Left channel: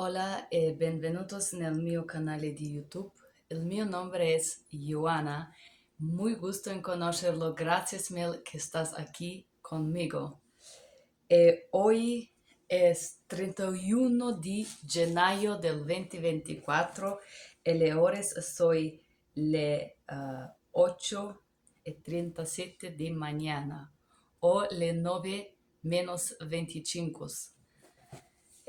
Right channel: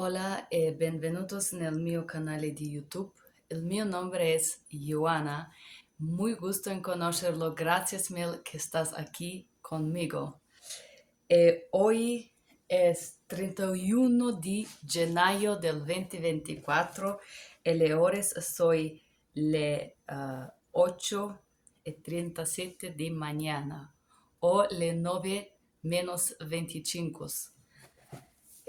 Hola e benvenutos nel mio canale di YouTube. El mio nombre es Joana. Muy gusto en conocerlo. Gracias mil que estás aquí conmigo. Hoy es 31 de gennaio del 2024 e le ores soy le 8:37 di mañana o le 9 menos 25.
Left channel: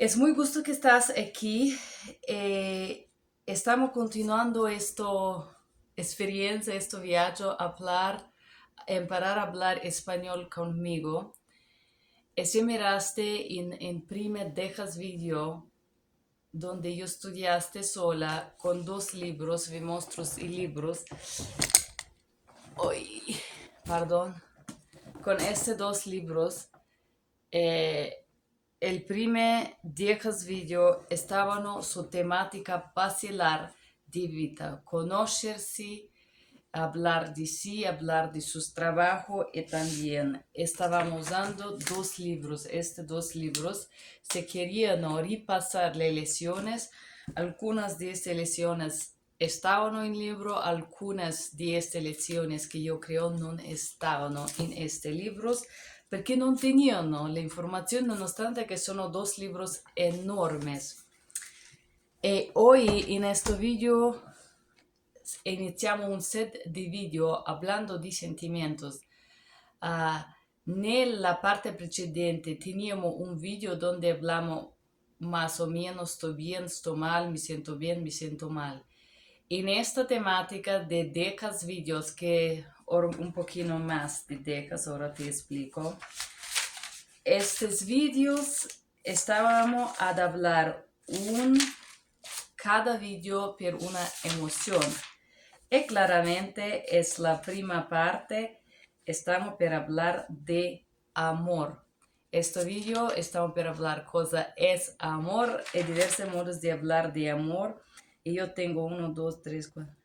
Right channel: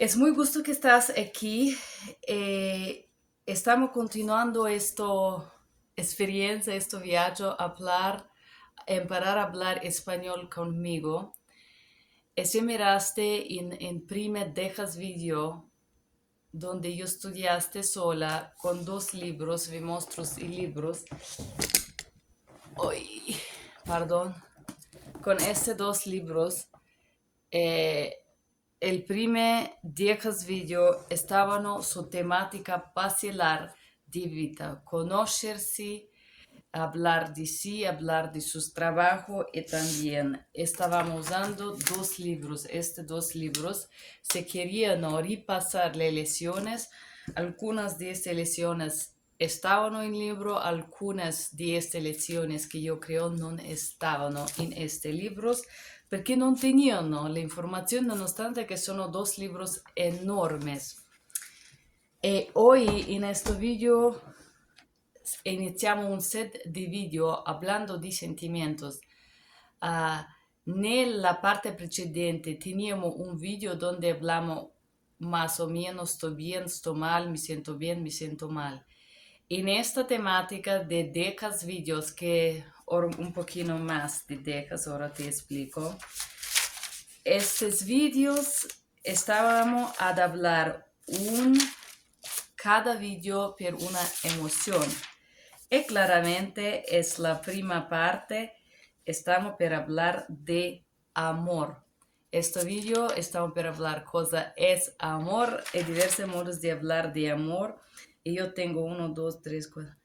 Es muy gusto que estás aquí. Estamos continuando esta experiencia, este viaje para hablar español conmigo. Y si miraste en primer dejas video donde yo estudiaste sola con dos libros, vi monstruos y libros. Ay, perdón. Con estos dos libros, el primer 10 video stavano su temática basilar de vida, conocerse, hablar de sí, hablar de sus trabajos y también estábamos usando dos libros. Estos dos libros se querían repasar las lecciones. Algunas de estas lecciones estaban en el libro, algunas de estas lecciones que yo creo no estaban en estos libros perché non teníano la informazione, nonostante che sono dos libros enormes. E hoy in questo video iniziamo un set di video hablando di sentimientos. Nella parte precedente teníamos un video donde hablamos más o menos, estoy bien, estoy mal, me siento mal. En esta temática de 10 videos, que un poquito más de 10, ahora te explico. Estos videos estábamos a hablar cada video por una emoción. Y claramente es la primera parte, estamos para hablar de amor. Este video estamos para hablar cosa es amor y diversos modos de hablar de amor. Y yo tengo 1, 2, 3, 4.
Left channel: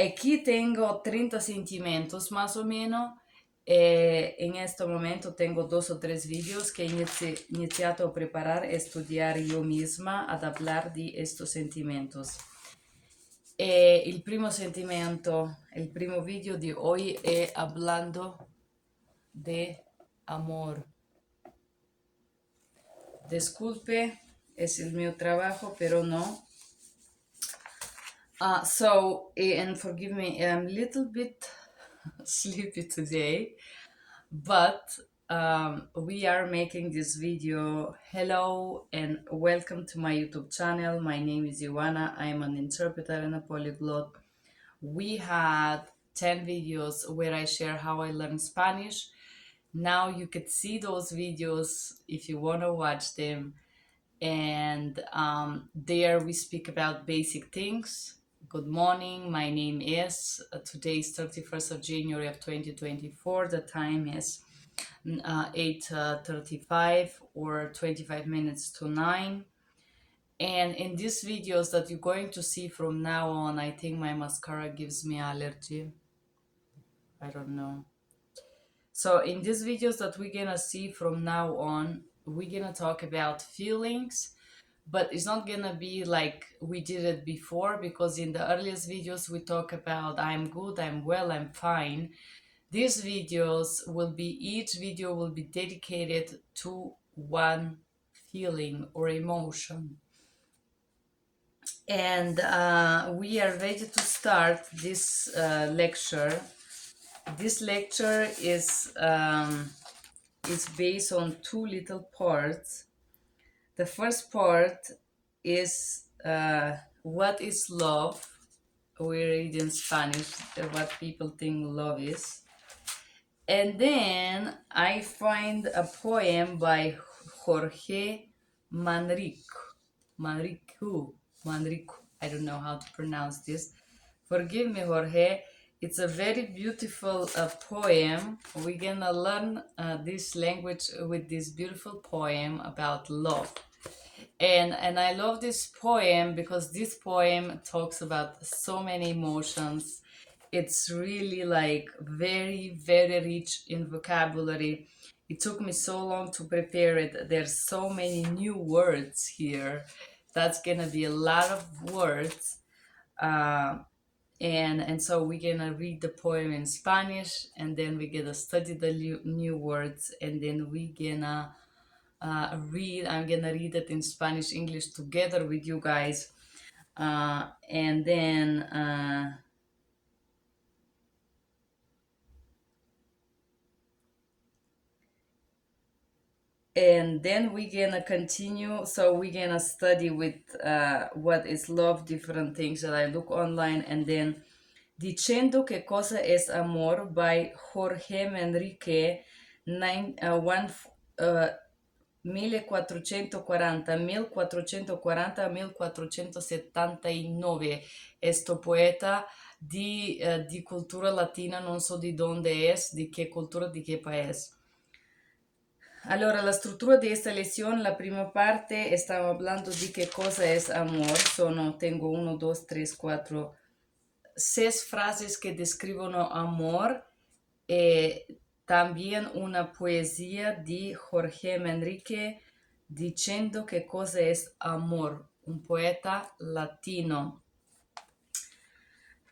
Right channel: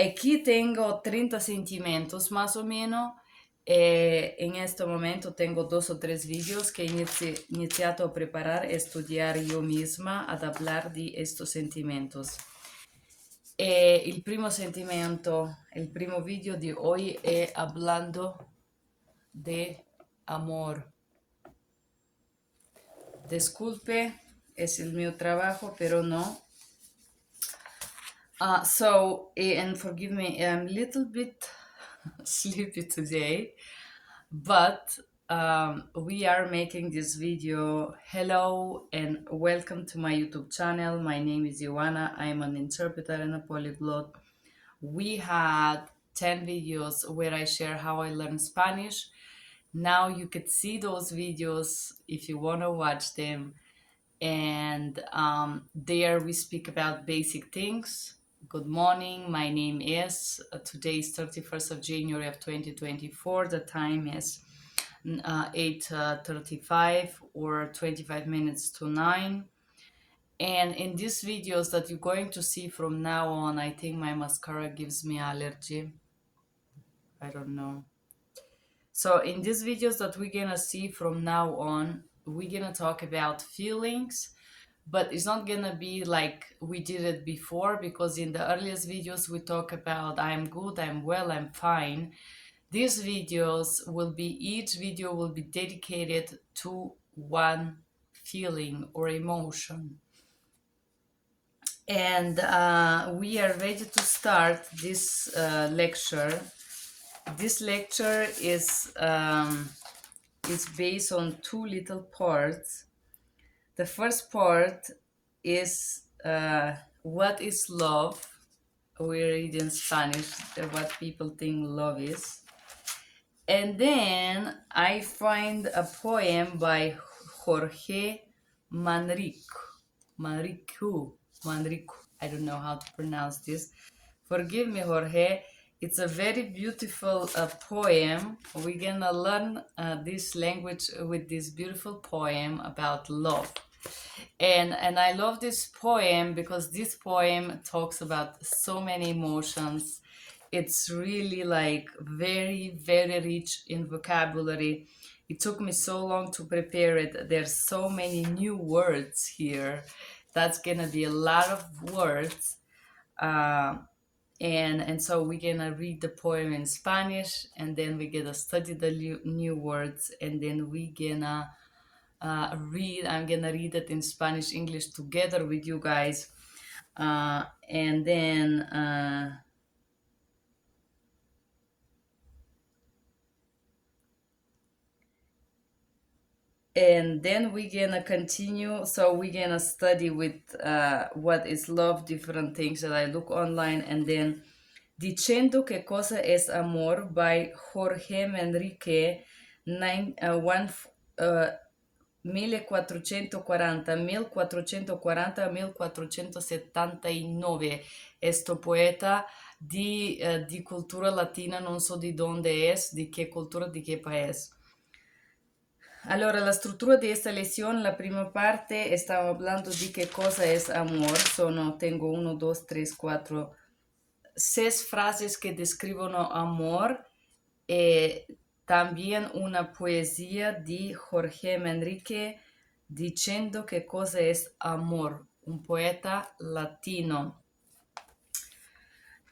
Aquí tengo 30 sentimientos más o menos. En este momento tengo 2 o 3 videos que he iniciado a preparar, a estudiar yo misma, a hablar de estos sentimientos. El primo sentimento, el primo video de hoy es hablando de amor. Disculpe, es el mío trabajo, pero no. And forgive me, I'm a little bit sleepy today, but we are making this video. Hello and welcome to my YouTube channel. My name is Joana. I am an interpreter and a polyglot. We had 10 videos where I share how I learn Spanish. Now you could see those videos if you want to watch them. And there we speak about basic things. Good morning, my name is, today is 31st of January of 2024, the time is 8:35 or 25 minutes to 9. And in these videos that you're going to see from now on, I think my mascara gives me allergy. I don't know. So in these videos that we're gonna see from now on, we're gonna talk about feelings, but it's not gonna be like we did it before, because in the earliest videos we talk about I'm good, I'm well, I'm fine. These videos will be, each video will be dedicated to one feeling or emotion. And we are ready to start this lecture. This lecture is based on 2 little parts. The first part is what is love. We read in Spanish what people think love is. And then I find a poem by Jorge Manrique. Manrique. I don't know how to pronounce this. Forgive me, Jorge. It's a very beautiful poem. We're gonna learn this language with this beautiful poem about love. And I love this poem because this poem talks about so many emotions. It's really like very, very rich in vocabulary. It took me so long to prepare it. There's so many new words here. That's gonna be a lot of words. Uh, and so we're gonna read the poem in Spanish, and then we're gonna study the new words, and then we're gonna I'm gonna read it in Spanish, English together with you guys. And then we're gonna continue. So we're gonna study with what is love, different things that I look online, and then Diciendo, cosa es amor by Jorge Manrique, 1440-1479. Questo poeta di cultura latina, non so di dónde es, di qué cultura, di qué país. Allora, la struttura di esta lezione, la prima parte, stavo hablando di che cosa es amor. Tengo 1, 2, 3, 4, 6 frases que describono amor. También una poesía de Jorge Manrique diciendo qué cosa es amor, un poeta latino.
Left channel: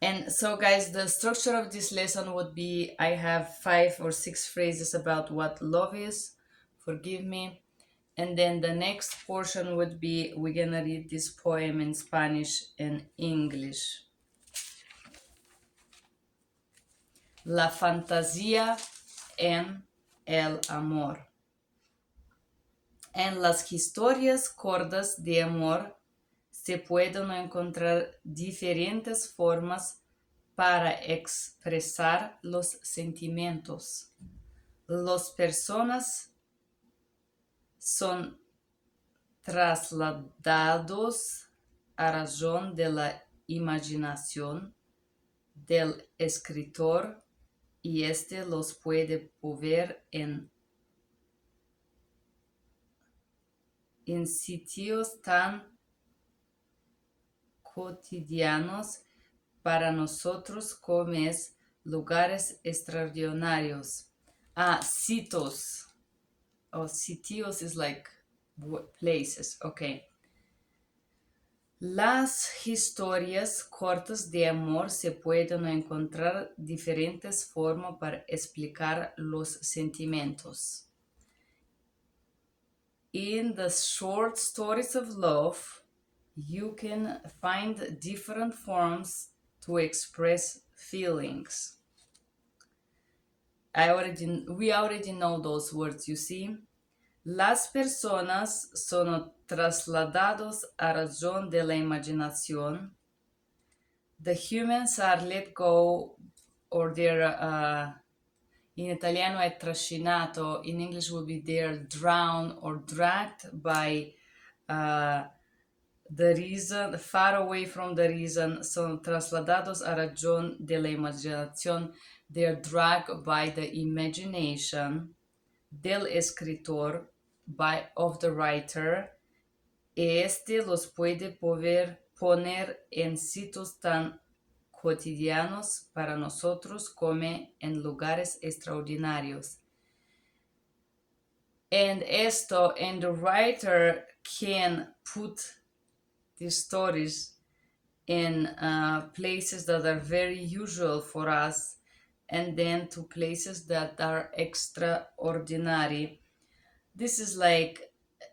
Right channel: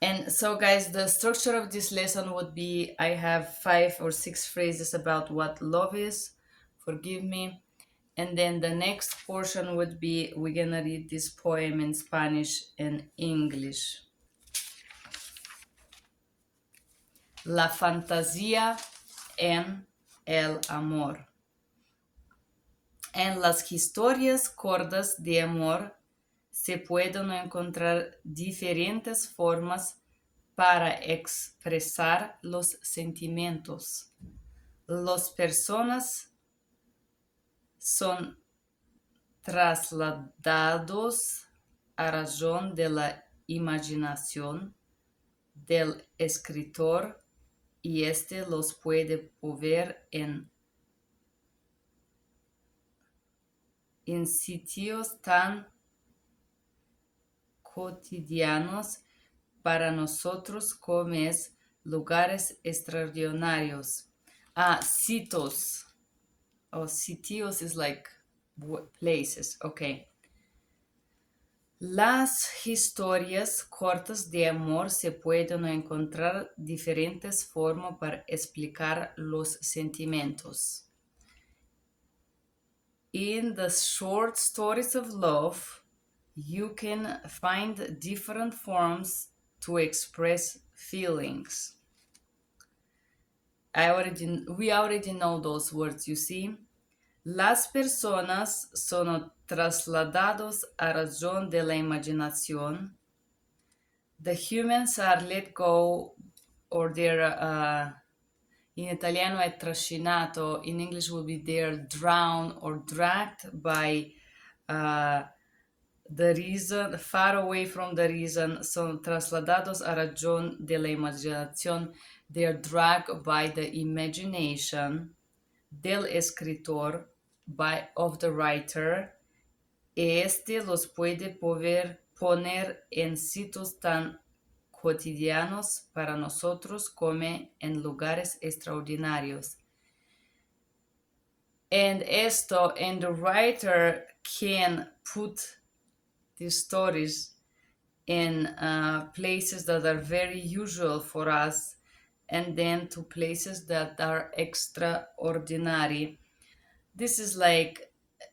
And so guys, the structure of this lesson would be, I have 5 or 6 phrases about what love is, forgive me, and then the next portion would be, we're gonna read this poem in Spanish and English. La fantasía en el amor. En las historias cortas de amor se pueden encontrar diferentes formas para expresar los sentimientos. Las personas son trasladados a razón de la imaginación del escritor y este los puede mover en sitios tan cotidianos para nosotros como es lugares extraordinarios. Sitios. Sitios is like places. Okay. Las historias cortas de amor se pueden encontrar diferentes formas para explicar los sentimientos. In the short stories of love, you can find different forms to express feelings. We already know those words, you see. Las personas son trasladados a razón de la imaginación. The humans are let go, or they're, in italiano è trascinato, in English would be they're drowned or dragged by the reason, far away from the reason, son trasladados a razón de la imaginación, they're dragged by the imagination del escritor, of the writer, este los puede poner en sitios tan cotidianos para nosotros como en lugares extraordinarios. And the writer can put these stories in places that are very usual for us, and then to places that are extraordinary. This is like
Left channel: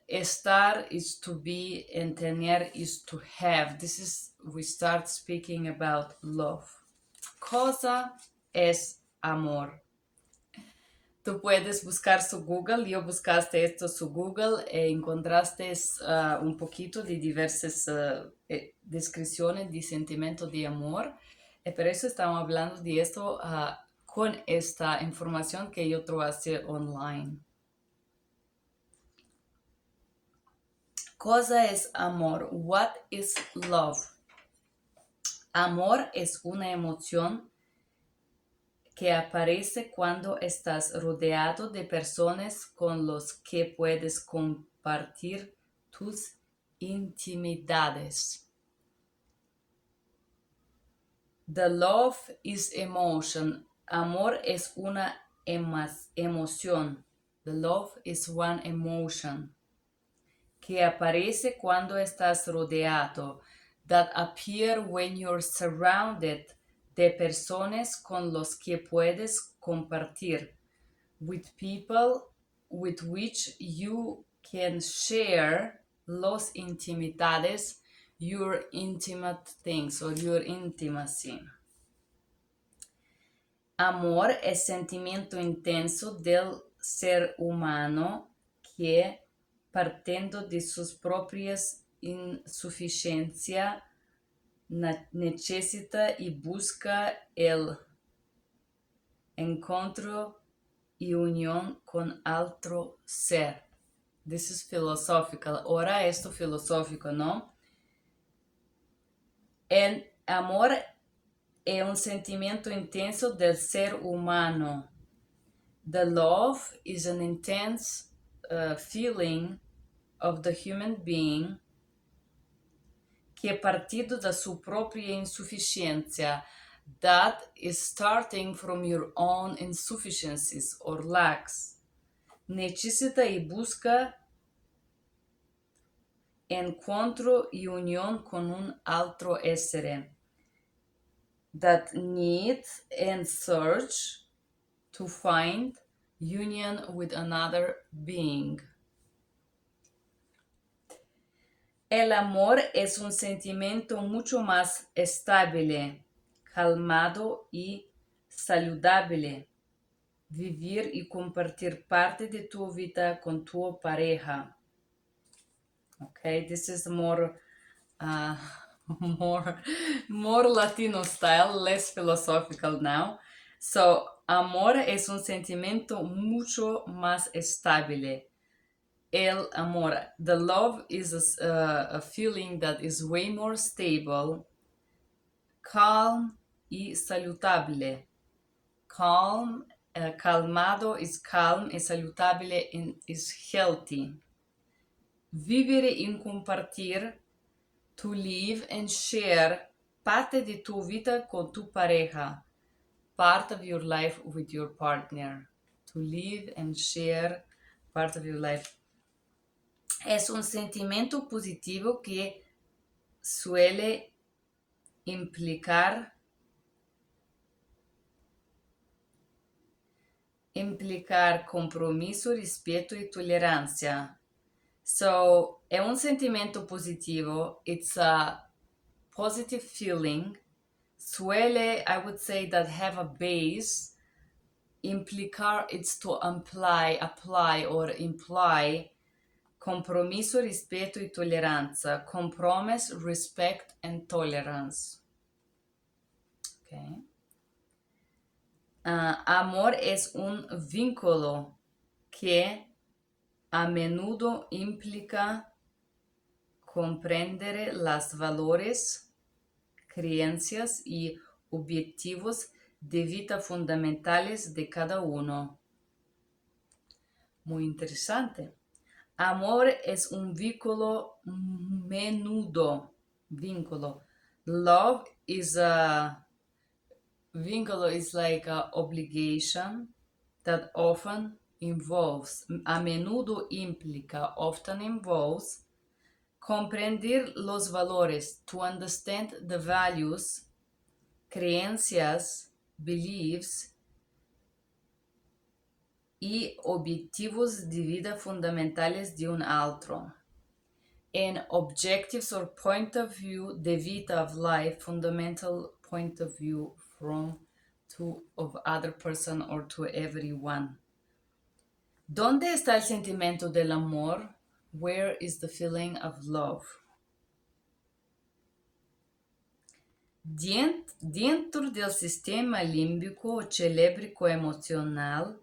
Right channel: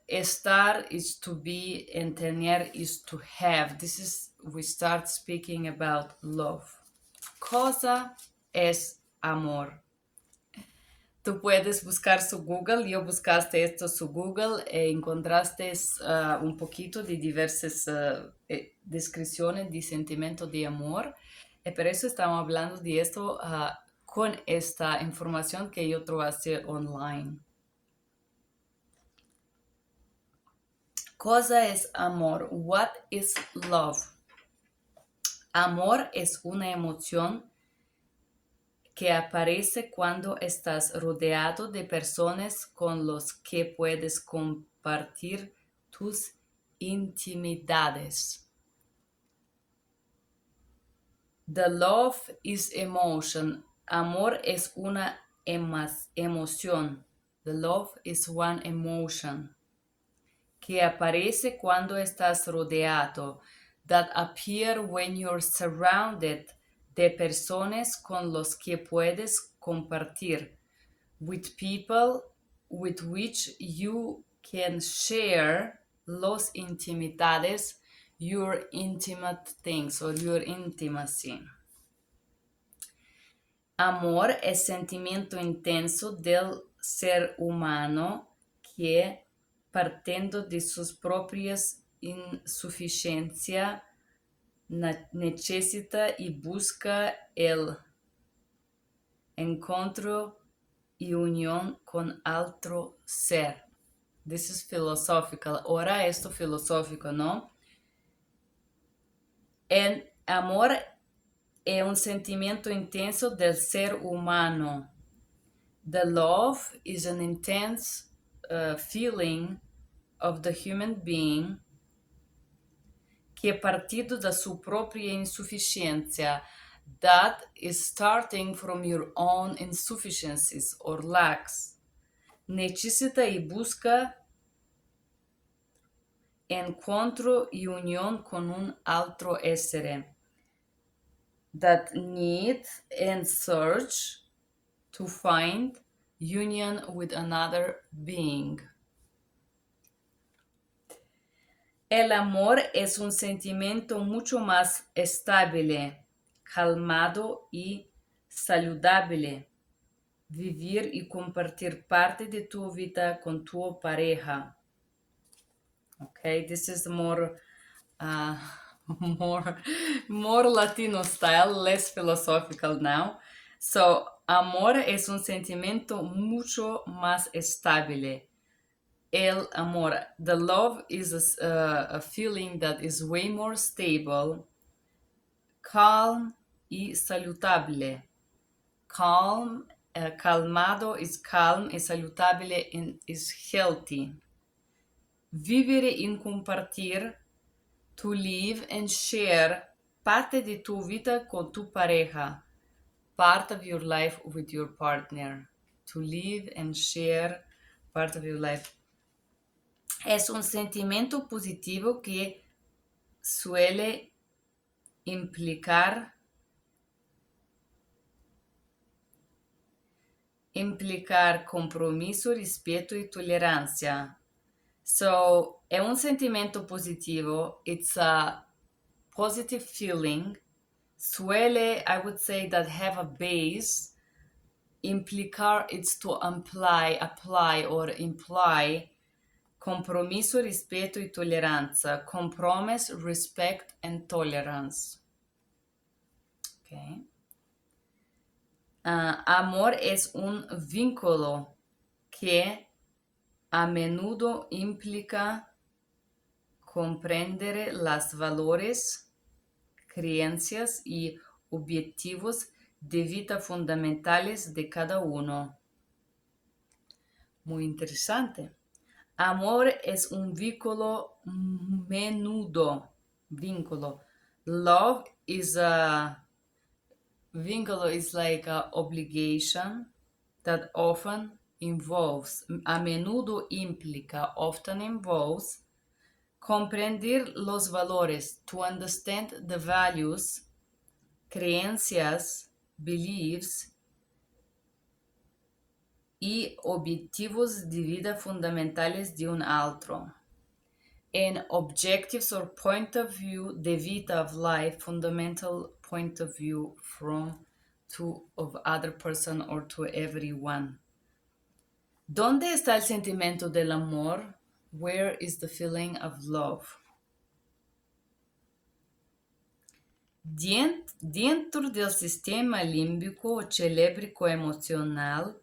estar is to be and tener is to have. We start speaking about love. Cosa es amor. Tú puedes buscar su Google. Yo buscaste esto su Google e encontraste un poquito de diversas descripciones de sentimiento de amor. Y por eso estamos hablando de esto con esta información que yo trabajé online. Cosa es amor? What is love? Amor es una emoción que aparece cuando estás rodeado de personas con los que puedes compartir tus intimidades. The love is emotion. Amor es una emoción. The love is one emotion que aparece cuando estás rodeado, that appear when you're surrounded de personas con los que puedes compartir, with people with which you can share los intimidades, your intimate things or your intimacy. Amor es sentimiento intenso del ser humano que, partiendo de sus propias insuficiencias, necesita y busca el encuentro y unión con otro ser. This is philosophical. Ahora esto filosófico, ¿no? El amor es un sentimiento intenso del ser humano. The love is an intense feeling of the human being que, partido da sua própria insuficiência, that is starting from your own insufficiencies or lacks, necessita y busca encontro y unión con un otro ser, that need and search to find union with another being. El amor es un sentimiento mucho más estable, calmado y saludable. Vivir y compartir parte de tu vida con tu pareja. Okay, this is more Latino style, less philosophical now. So, amor es un sentimiento mucho más estable. El amor, the love is a feeling that is way more stable, calm y saludable. Calm, calmado is calm y saludable is healthy. Vivere y compartir, to live and share parte de tu vida con tu pareja, part of your life with your partner. To live and share part of your life. Es un sentimiento positivo que suele implicar compromiso, respeto y tolerancia. So, è un sentimento positivo. It's a positive feeling. Suele, I would say, that have a base. Implicar, it's to apply or imply compromiso, respeto y tolerancia. Compromise, respect, and tolerance. Okay. Amor es un vínculo que a menudo implica comprender los valores, creencias y objetivos de vida fundamentales de cada uno. Muy interesante. Amor es un vínculo menudo. Love is vínculo is like an obligation that often involves, a menudo implica, often involves, comprender los valores, to understand the values, creencias, beliefs y objetivos de vida fundamentales de un otro. And objectives or point of view de vida of life, fundamental point of view of other person or to everyone. ¿Dónde está el sentimiento del amor? Where is the feeling of love? Dentro del sistema límbico o cerébrico emocional,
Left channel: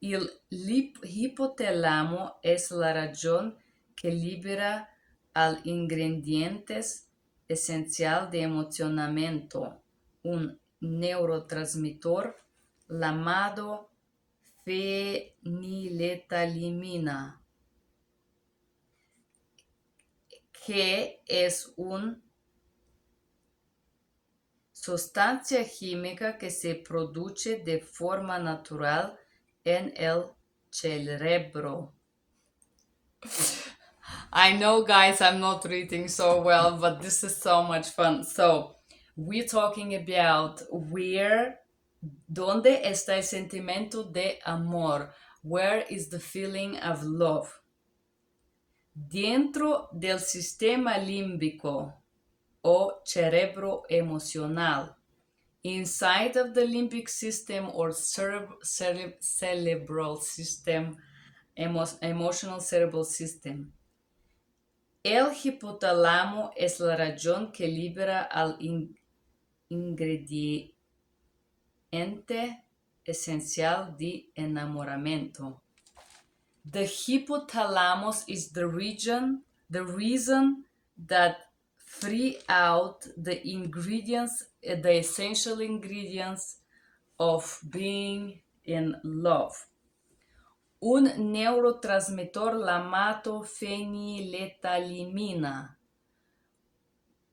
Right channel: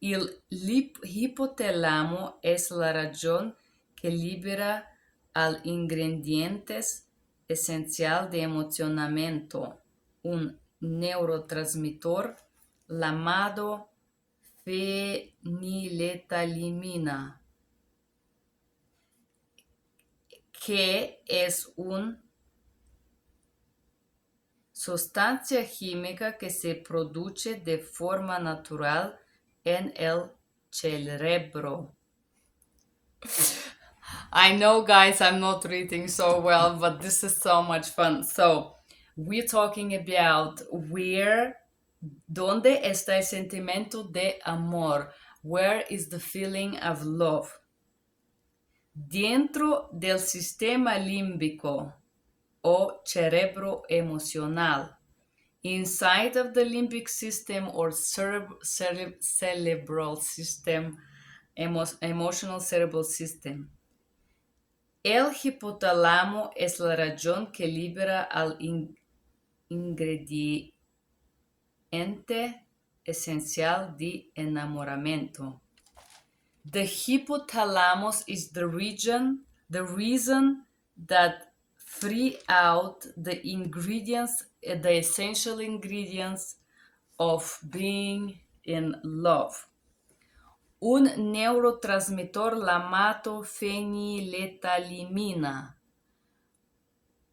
el hipotálamo es la región que libera al ingredientes esencial de emocionamiento, un neurotransmisor llamado feniletalamina, que es una sustancia química que se produce de forma natural en el cerebro. I know, guys, I'm not reading so well, but this is so much fun. So, we're talking about ¿dónde está el sentimiento de amor? Where is the feeling of love? Dentro del sistema límbico o cerebro emocional. Inside of the limbic system or cerebral system, emotional cerebral system. El hipotálamo es la región que libera al ingrediente esencial de enamoramiento. The hypothalamus is the reason that free out the ingredients, the essential ingredients of being in love. Un neurotransmitter llamado feniletalimina.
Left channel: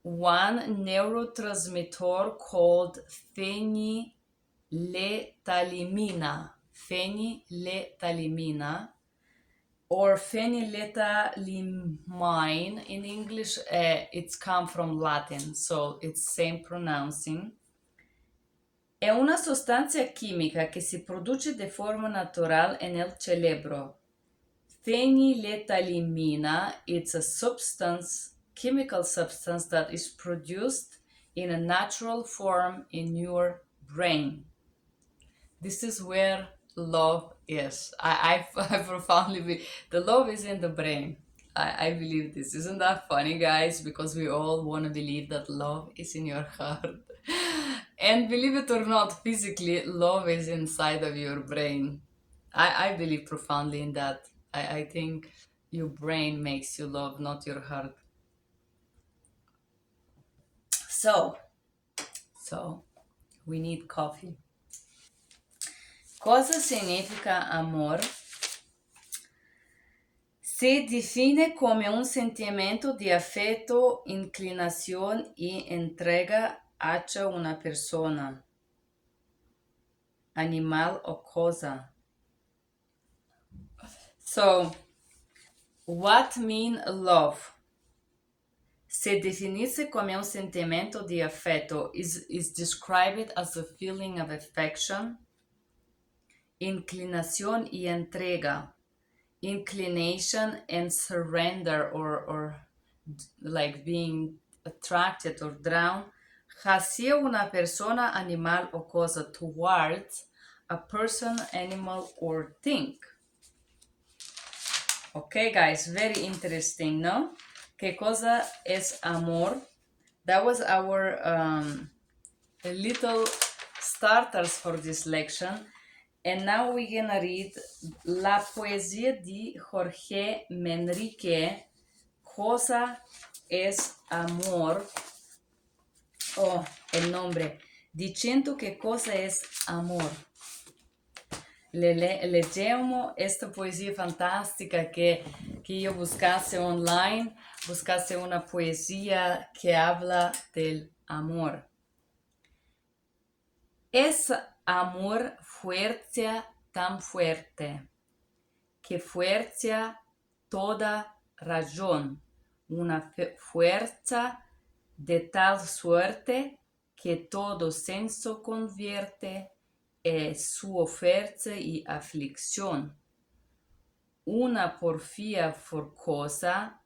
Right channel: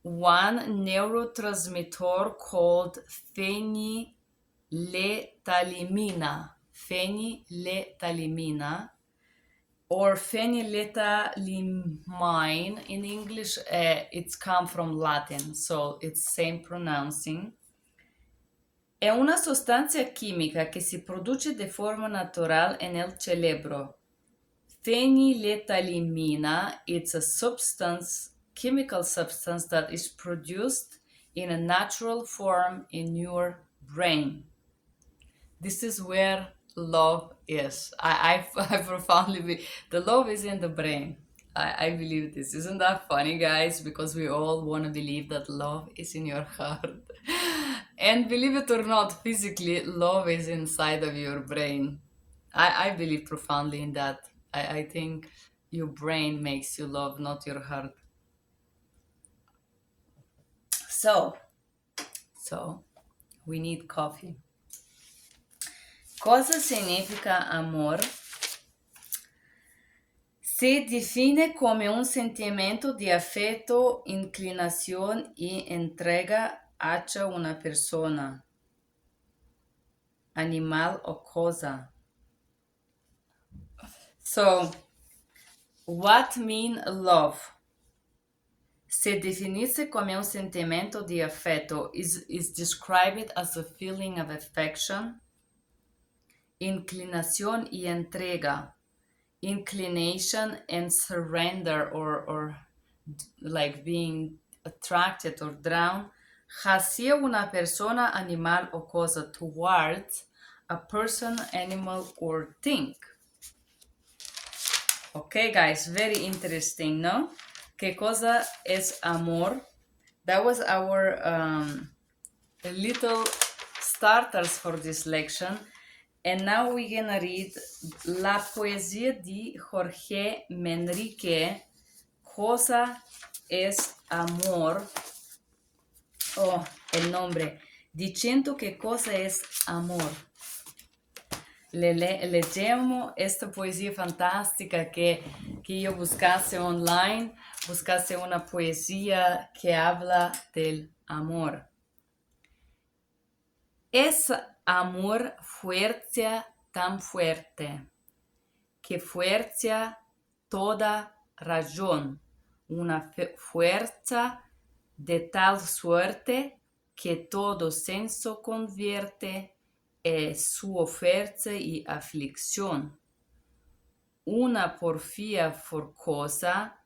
One neurotransmitter called feniletalimina. Feniletalimina. Or phenyletalimine in English, it's come from Latin, so it's same pronouncing. È una sostanza chimica che si produce de forma natural en el cerebro. Phenyletalimina, it's a substance, chemical substance that is produced in a natural form in your brain. This is where love is. I profoundly believe the love is in the brain. I believe this. Isn't that funny, guys? Because we all want to believe that love is in your heart. And believe it or not, physically, love is inside of your brain. I believe profoundly in that. I think your brain makes you love, not your heart. So we need coffee. Cosa significa amor? Se define como un sentimiento de afecto, inclinación y entrega hacia una persona, animal o cosa. So, what mean love? Se definirse como un sentimiento de afecto is described as a feeling of affection, inclinación y entrega. Inclination and surrender or like being attracted or drawn hacia una persona, animal o cosa, towards a person, animal or thing. Okay, guys, very interesting, no? ¿Qué cosa es amor? That was our little starters for this lesson. And now we're gonna read la poesía de Jorge Manrique, Cosa es amor. Oh, el nombre. Diciendo que cosa es amor. Leggiamo esta poesía fantástica que yo buscase online, buscase una poesía que habla del amor. Es amor fuerza tan fuerte, que fuerza toda razón, una fuerza de tal suerte que todo senso convierte su fuerza y aflicción. Una porfía forzosa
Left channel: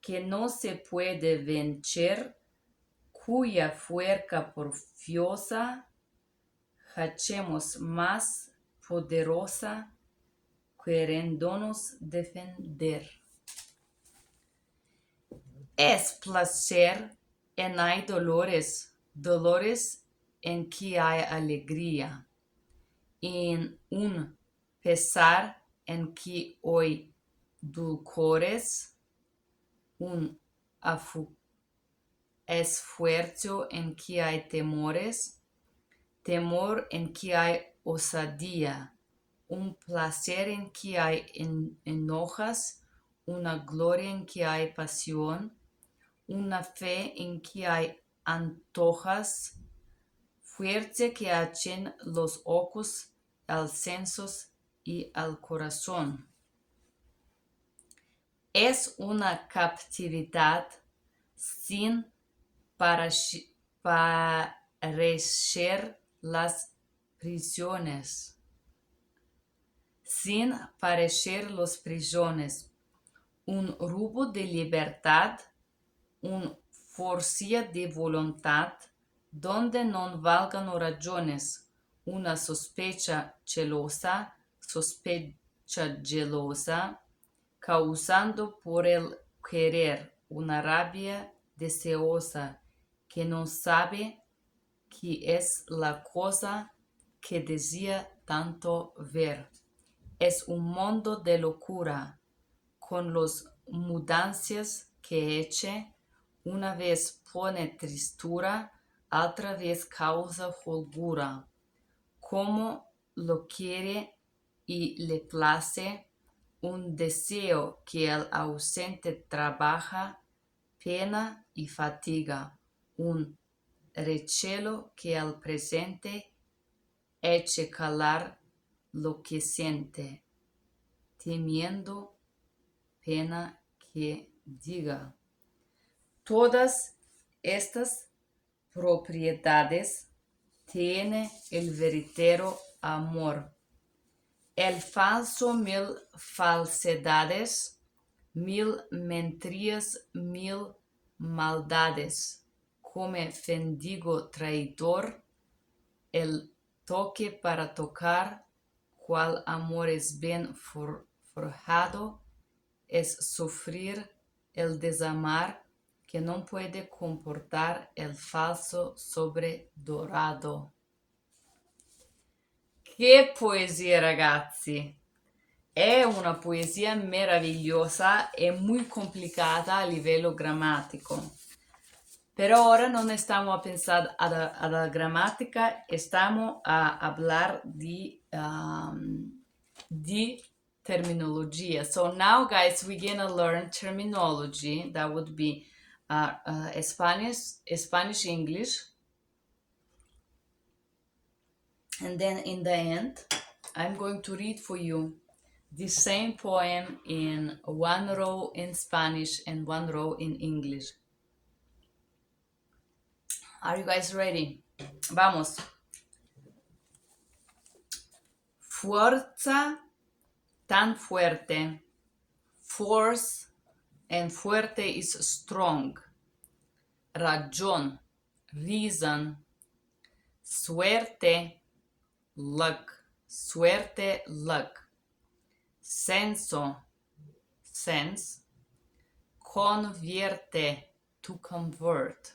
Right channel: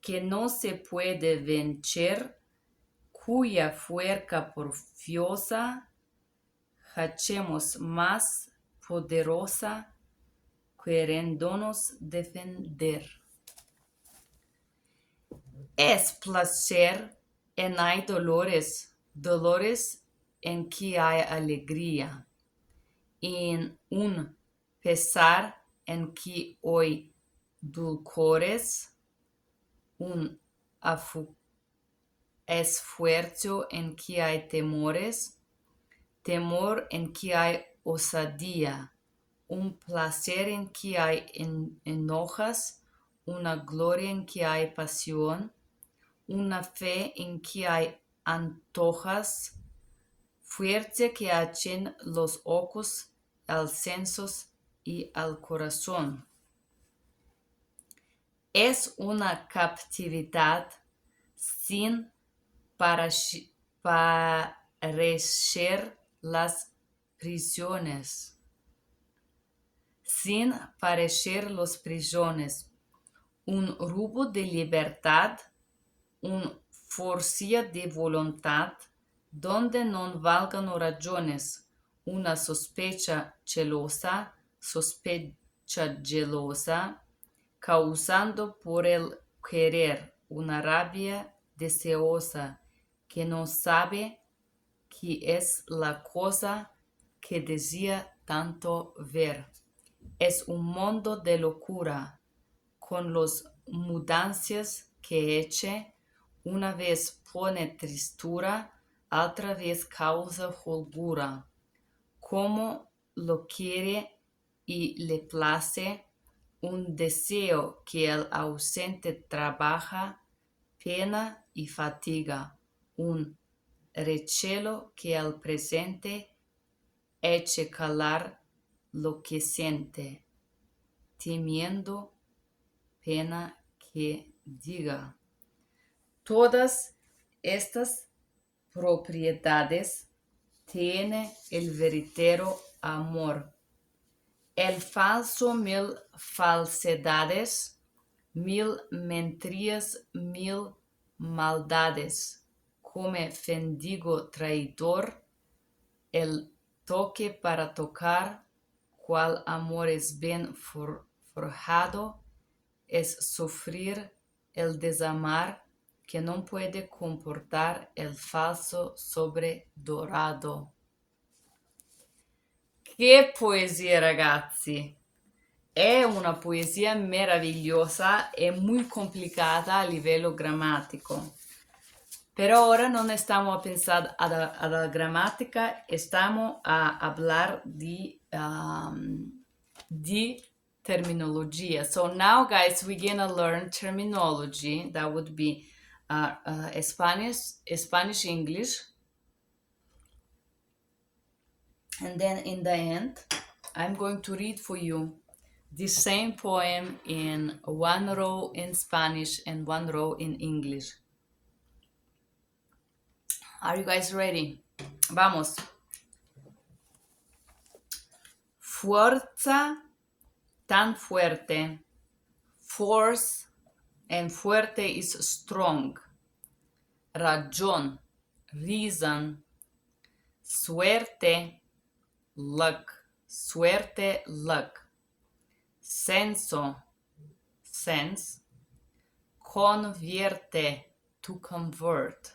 que no se puede vencer, cuya fuerza porfiosa hacemos más poderosa, queriéndonos defender. Es placer en hay dolores en que hay alegría, en un pesar en que hay dulcores, un esfuerzo en que hay temores, temor en que hay osadía, un placer en que hay enojas, una gloria en que hay pasión, una fe en que hay antojas, fuerza que hacen los ojos al sensos y al corazón. Es una captividad sin parecer las prisiones. Sin parecer las prisiones. Un rubo de libertad, un forcia de voluntad, donde non valgano ragioni, una sospecha gelosa, causando por el querer una rabia deseosa que no sabe qué es la cosa que desea tanto ver. Es un mundo de locura, con los mudanzas que eche, una vez pone tristura, otra vez causa holgura. Como lo quiere y le place, un deseo que el ausente trabaja, pena y fatiga, un recelo que al presente eche calar lo que siente, temiendo pena que diga. Todas estas propiedades tiene el verdadero amor. El falso mil falsedades, mil mentiras, mil maldades. Come fendigo traidor, el toque para tocar, cual amor es bien forjado, es sufrir el desamar que non puede comportar el falso sobredorado. Che poesia, ragazzi! È una poesia meravigliosa e muy complicata a livello grammatico. Pero ahora no estamos a pensar a la gramática, estamos a hablar de terminology. So now, guys, we're gonna learn terminology. That would be Spanish, English. And then in the end, I'm going to read for you the same poem in one row in Spanish and one row in English. Are you guys ready? Vamos. Fuerza tan fuerte. Force and fuerte is strong. Razón, reason. Suerte, luck. Suerte, luck. Senso, sense. Convierte, to convert.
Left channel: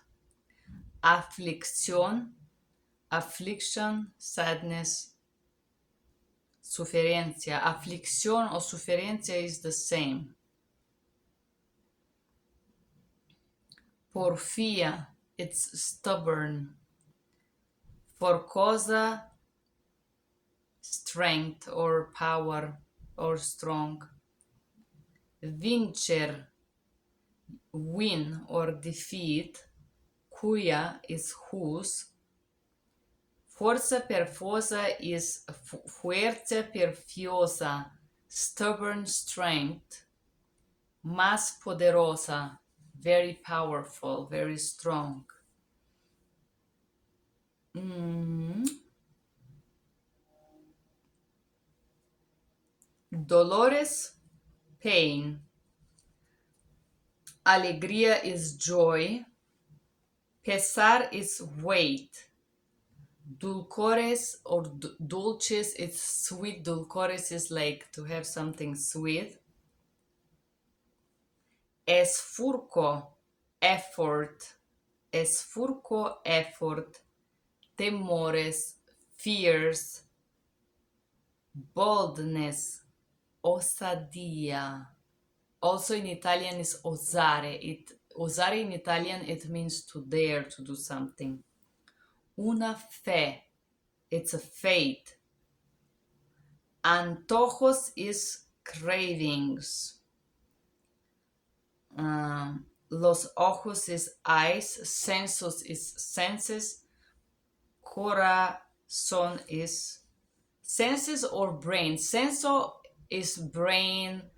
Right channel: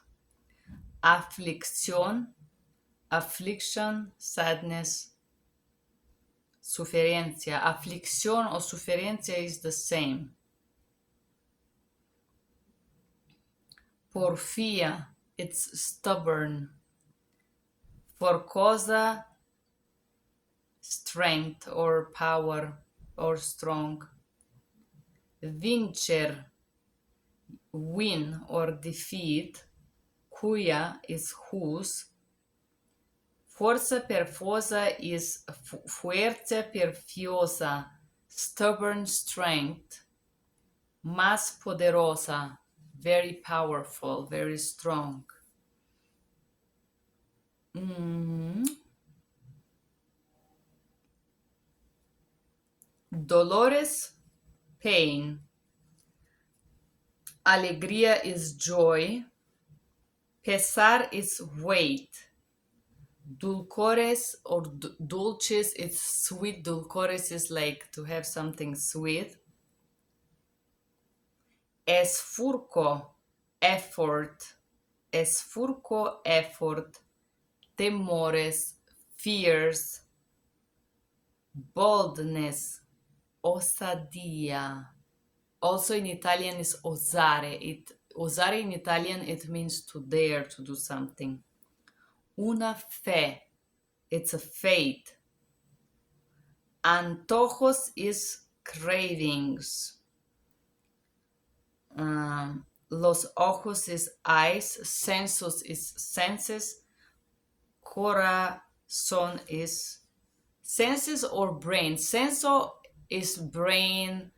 Aflicción, affliction, sadness, suferencia. Aflicción o suferencia is the same. Porfía, it's stubborn. For cosa, strength or power or strong. Vincer, win or defeat. Cuya is whose. Forza perfosa is fuerza perfiosa, stubborn strength. Más poderosa, very powerful, very strong. Dolores, pain. Alegría is joy. Pesar is weight. Dulcores or dulces, it's sweet. Dulcores is like to have something sweet. Esfurco, effort. Esfurco, effort. Temores, fears. Boldness, osadia. Also in Italian is osare. Osare in Italian, it means to dare to do something. Una fe, it's a faith. Antojos is cravings. Los ojos is eyes. Sensos is senses. Corazón is Senses or brain. Senso is brain,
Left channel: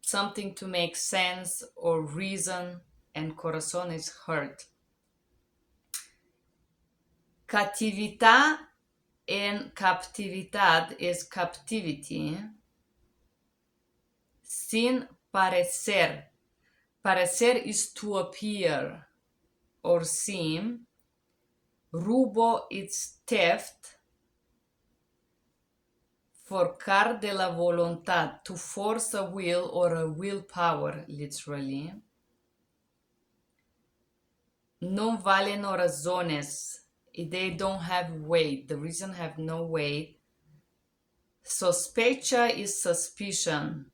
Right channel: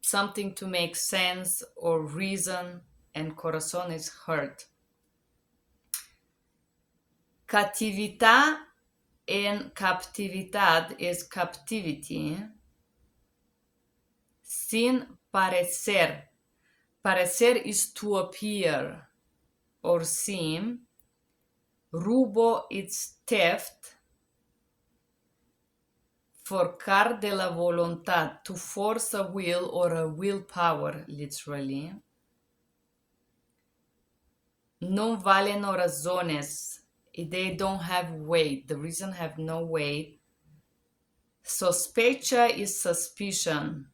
something to make sense or reason, and corazón is heart. Catività and captividad is captivity. Sin parecer. Parecer is to appear or seem. Rubo is theft. Forcar de la voluntad, to force a will or a willpower, literally. Non valeno razones, they don't have weight, the reason have no weight. Sospecha is suspicion.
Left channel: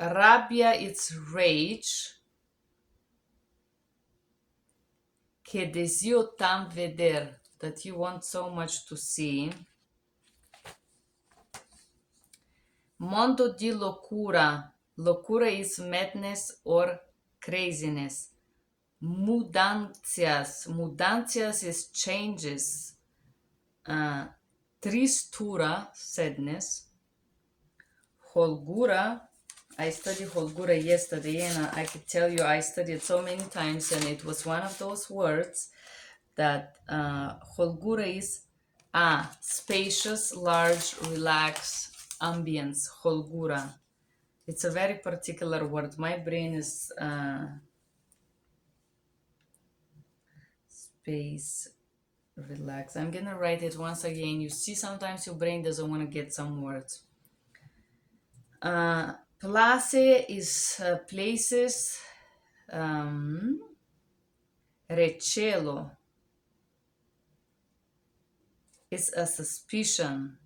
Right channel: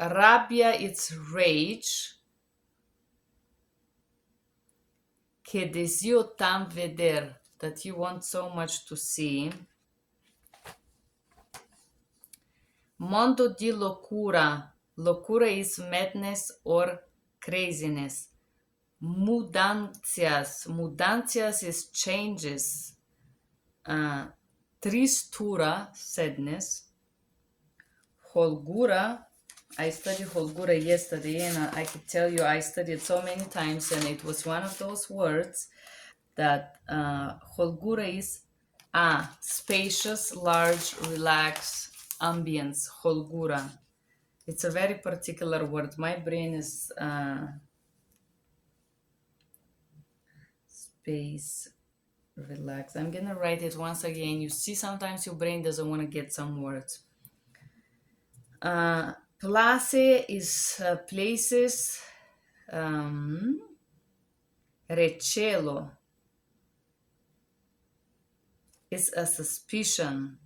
Rabbia is rage. Que deseo tan veder, that you want so much to see. Mondo di locura. Locura is madness or craziness. Mudancias. Mudancias is changes. Tristura, sadness. Holgura. I studied Holgura yesterday, and I could tell you I studied so many times, and it was one of those words that Holgura is spacious, large, relaxed ambience. Holgura. It's a very particular word. My brain is space, relax. I'm gonna write it once again. You see, sometimes your brain doesn't want to get some words. Place is places. Recelo is a suspicion.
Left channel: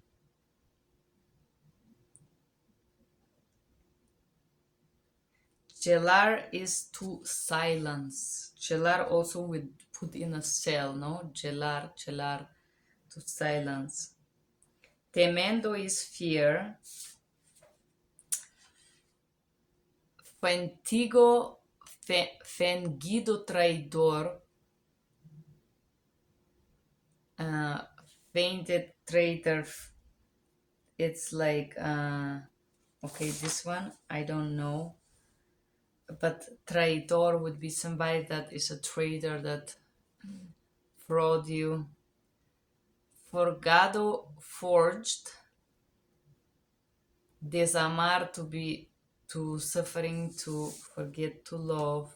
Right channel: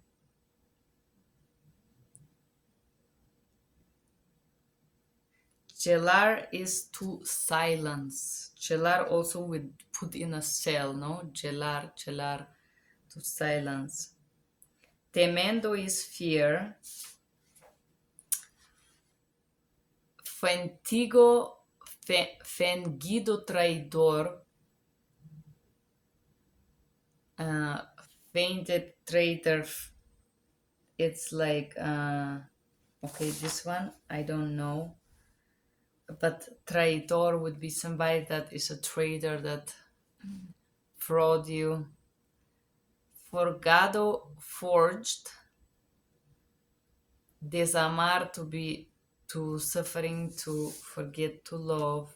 Gelar is to silence. Gelar also would put in a cell, no? Gelar, to silence. Temendo is fear. Fingido traidor. Fainted traitor. It's like, okay, this one, I don't know. But traidor would be somebody that is a traitor that fraud you. Forgado, forged. Desamar, to suffering, to forget to love.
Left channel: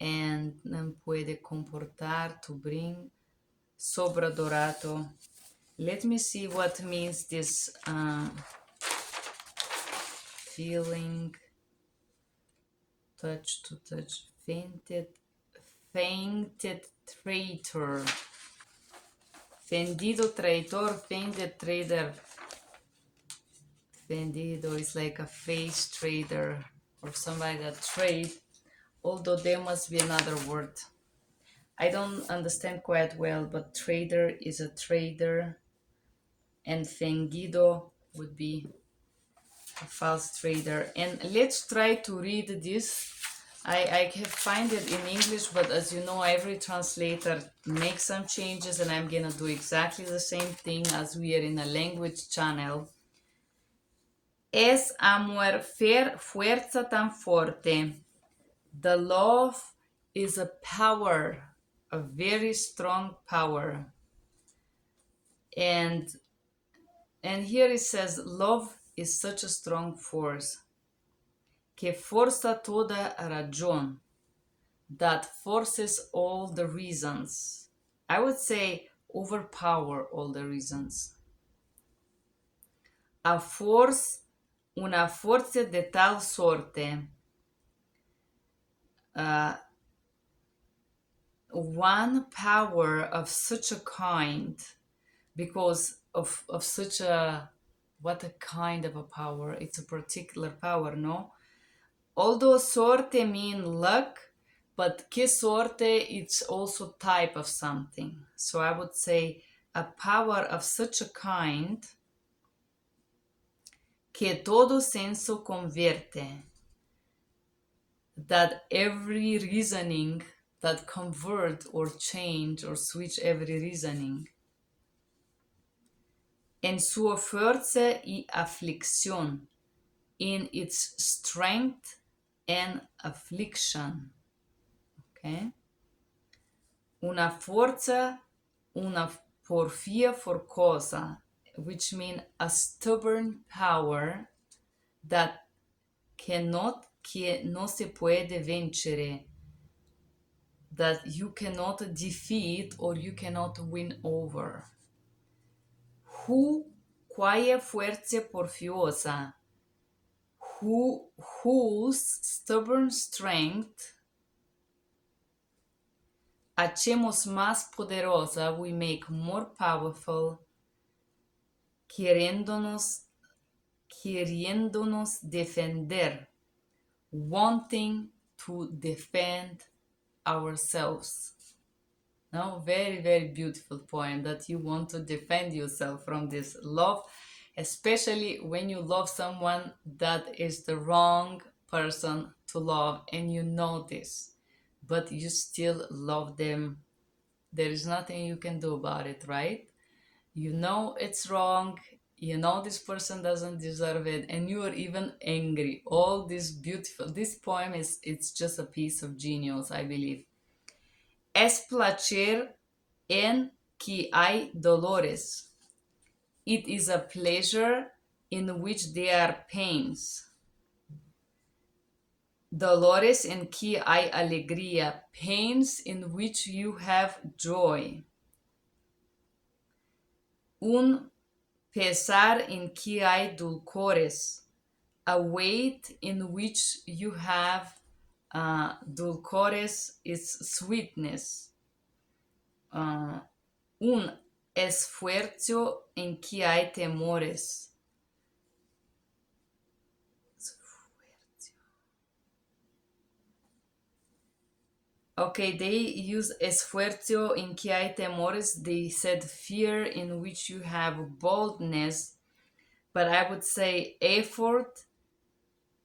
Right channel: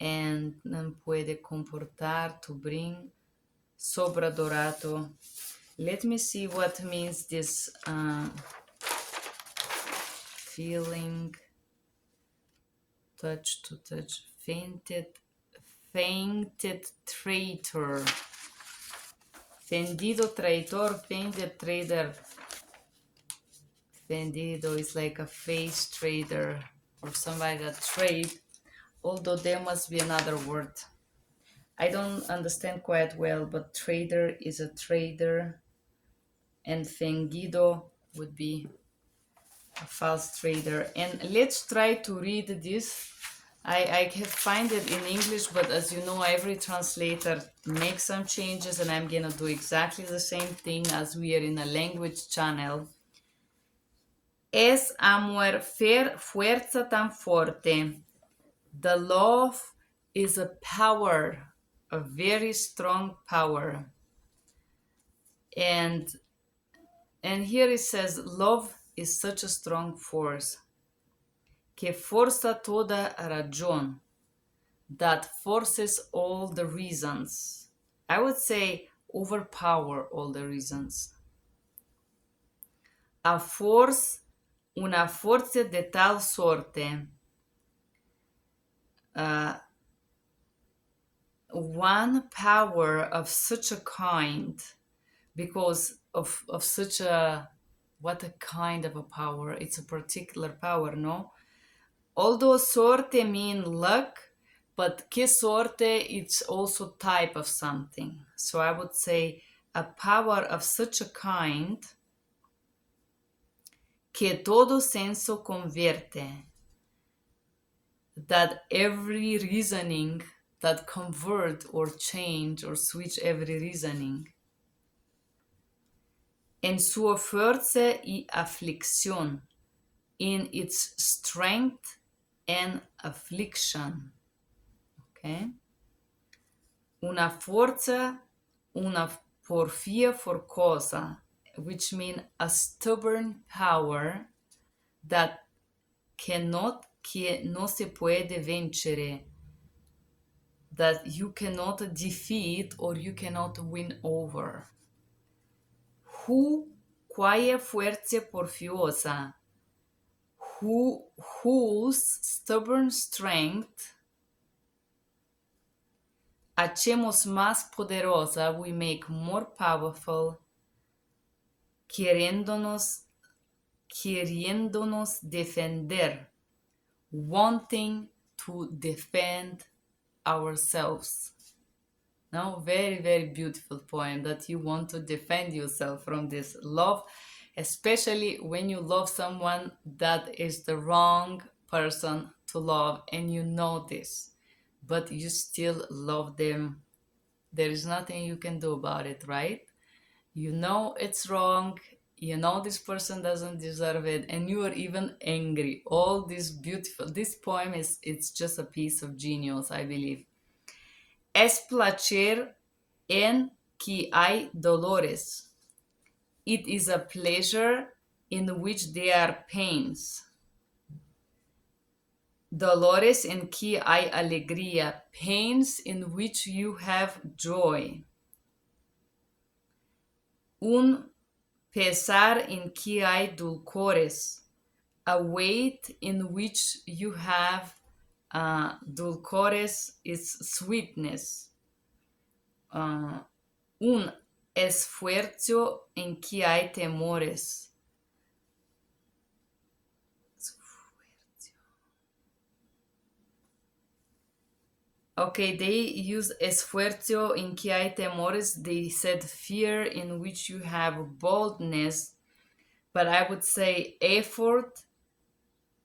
And non puede comportar, to bring. Sobradorato. Let me see what means this feeling. Touch, to touch. Fainted traitor. Fendido traitor, fainted traitor. Fendido is like a face trader or somebody that trade, although there must be another word. I don't understand quite well, but trader is a trader, and fingido would be a false trader. And let's try to read this. I have find it in English, but as you know, every translator makes some changes, and I'm gonna do exactly the same thing as we are in a language channel. Es amor fuerza tan fuerte. The love is a power, a very strong power. And here it says, love is such a strong force. Que forza toda razón. That forces all the reasons. I would say overpower all the reasons. A force, una forza de tal sorte. One power of such a kind, because of such a, what a kind of a power. It's a particular power, no? Although sorte mean luck, but que sorte, it's also type of something. So I would say a power of such a kind que todo senso convierte, that every reasoning that convert or change or switch every reasoning. en su fuerza y aflicción, in its strength and affliction. Okay? Una forza, una porfia for cosa, which means a stubborn power that que no se puede vencere, that you cannot defeat or you cannot win over. Quae fuerza porfiosa, whose stubborn strength hacemos más poderosa, we make more powerful, queriéndonos defender, wanting to defend ourselves. Now, very, very beautiful poem that you want to defend yourself from this love, especially when you love someone that is the wrong person to love and you know this, but you still love them. There is nothing you can do about it, right? You know it's wrong, you know this person doesn't deserve it, and you are even angry. All this beautiful, this poem it's just a piece of genius, I believe. Es placer en que hay dolores. It is a pleasure in which there are pains. Dolores en que hay alegría. Pains in which you have joy. Un pesar en que hay dulcores. A weight in which you have dulcores is sweetness. Un esfuerzo en que hay temores. Okay, they use esfuerzo en que hay temores. They said fear in which you have boldness, but I would say effort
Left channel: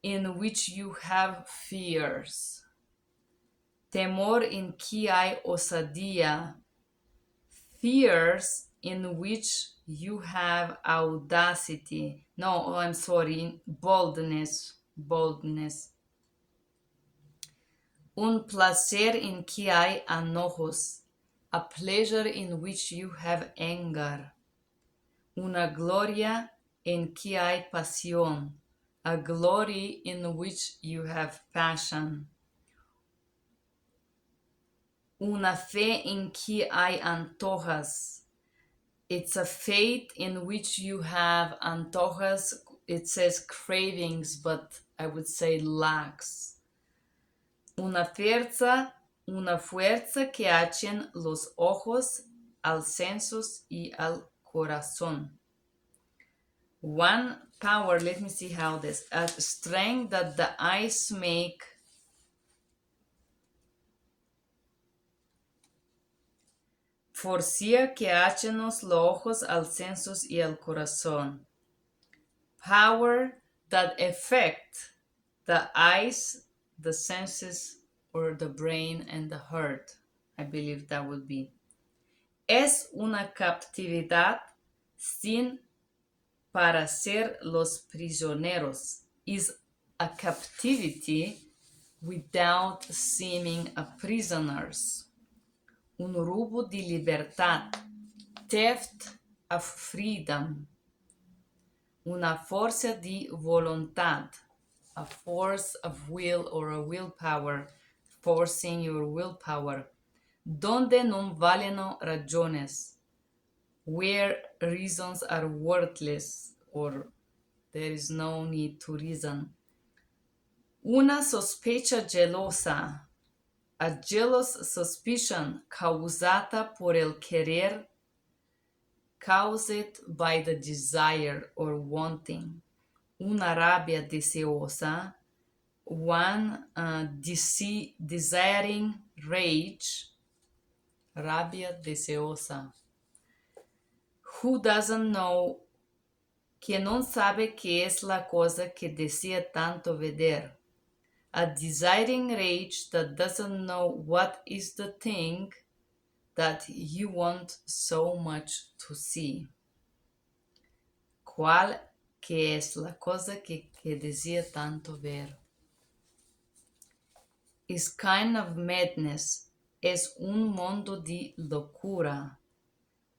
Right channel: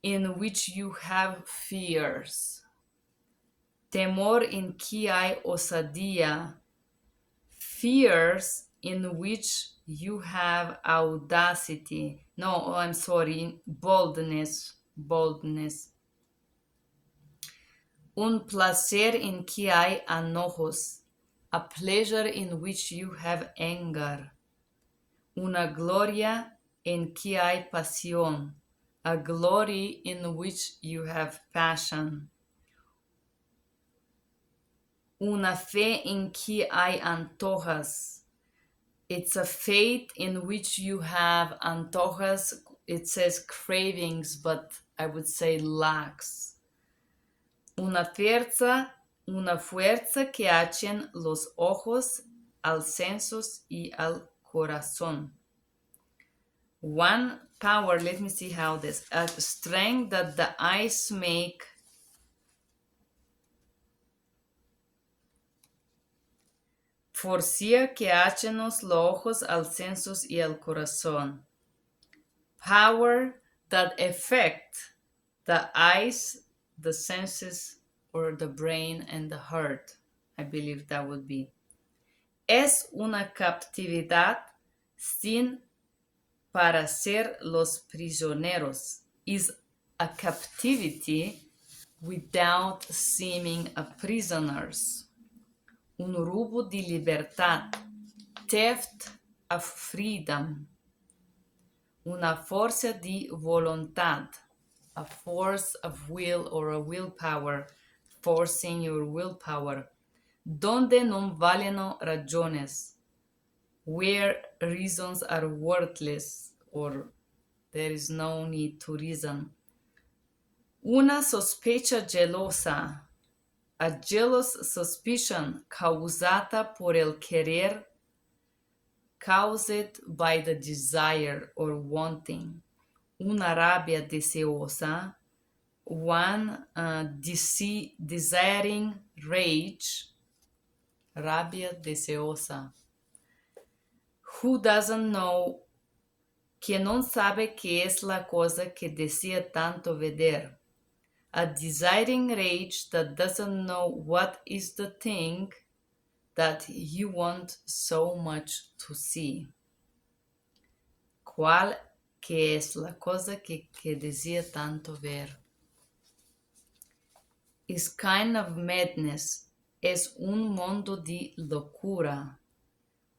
in which you have fears. Temor en que hay osadía. Fears in which you have audacity. No, I'm sorry, boldness. Un placer en que hay enojos. A pleasure in which you have anger. Una gloria en que hay pasión. A glory in which you have passion. Una fe en que hay antojas. It's a faith in which you have antojas. It says cravings, but I would say lacks. Una fuerza que hacen los ojos al sensos y al corazón. One power, let me see how this, a strength that the eyes make. Forcia que hacen los ojos al sensos y al corazón. Power that affect the eyes, the senses, or the brain and the heart. I believe that would be. Es una captividad sin para ser los prisioneros. Is a captivity without seeming a prisoners. Un robo de libertad. Theft of freedom. Una fuerza de voluntad. A force of will or a willpower. Forcing your willpower. Donde no valen razones. Where reasons are worthless or there is no need to reason. Una sospecha gelosa. A jealous suspicion causata por el querer, caused by the desire or wanting. Una rabia deseosa, one desiring rage, rabia deseosa. Who doesn't know, que no sabe qué es la cosa que desea tanto ver. A desiring rage that doesn't know what is the thing that you want so much to see. ¿Cuál que es la cosa que desea tanto ver? Is kind of madness. Es un mundo de locura,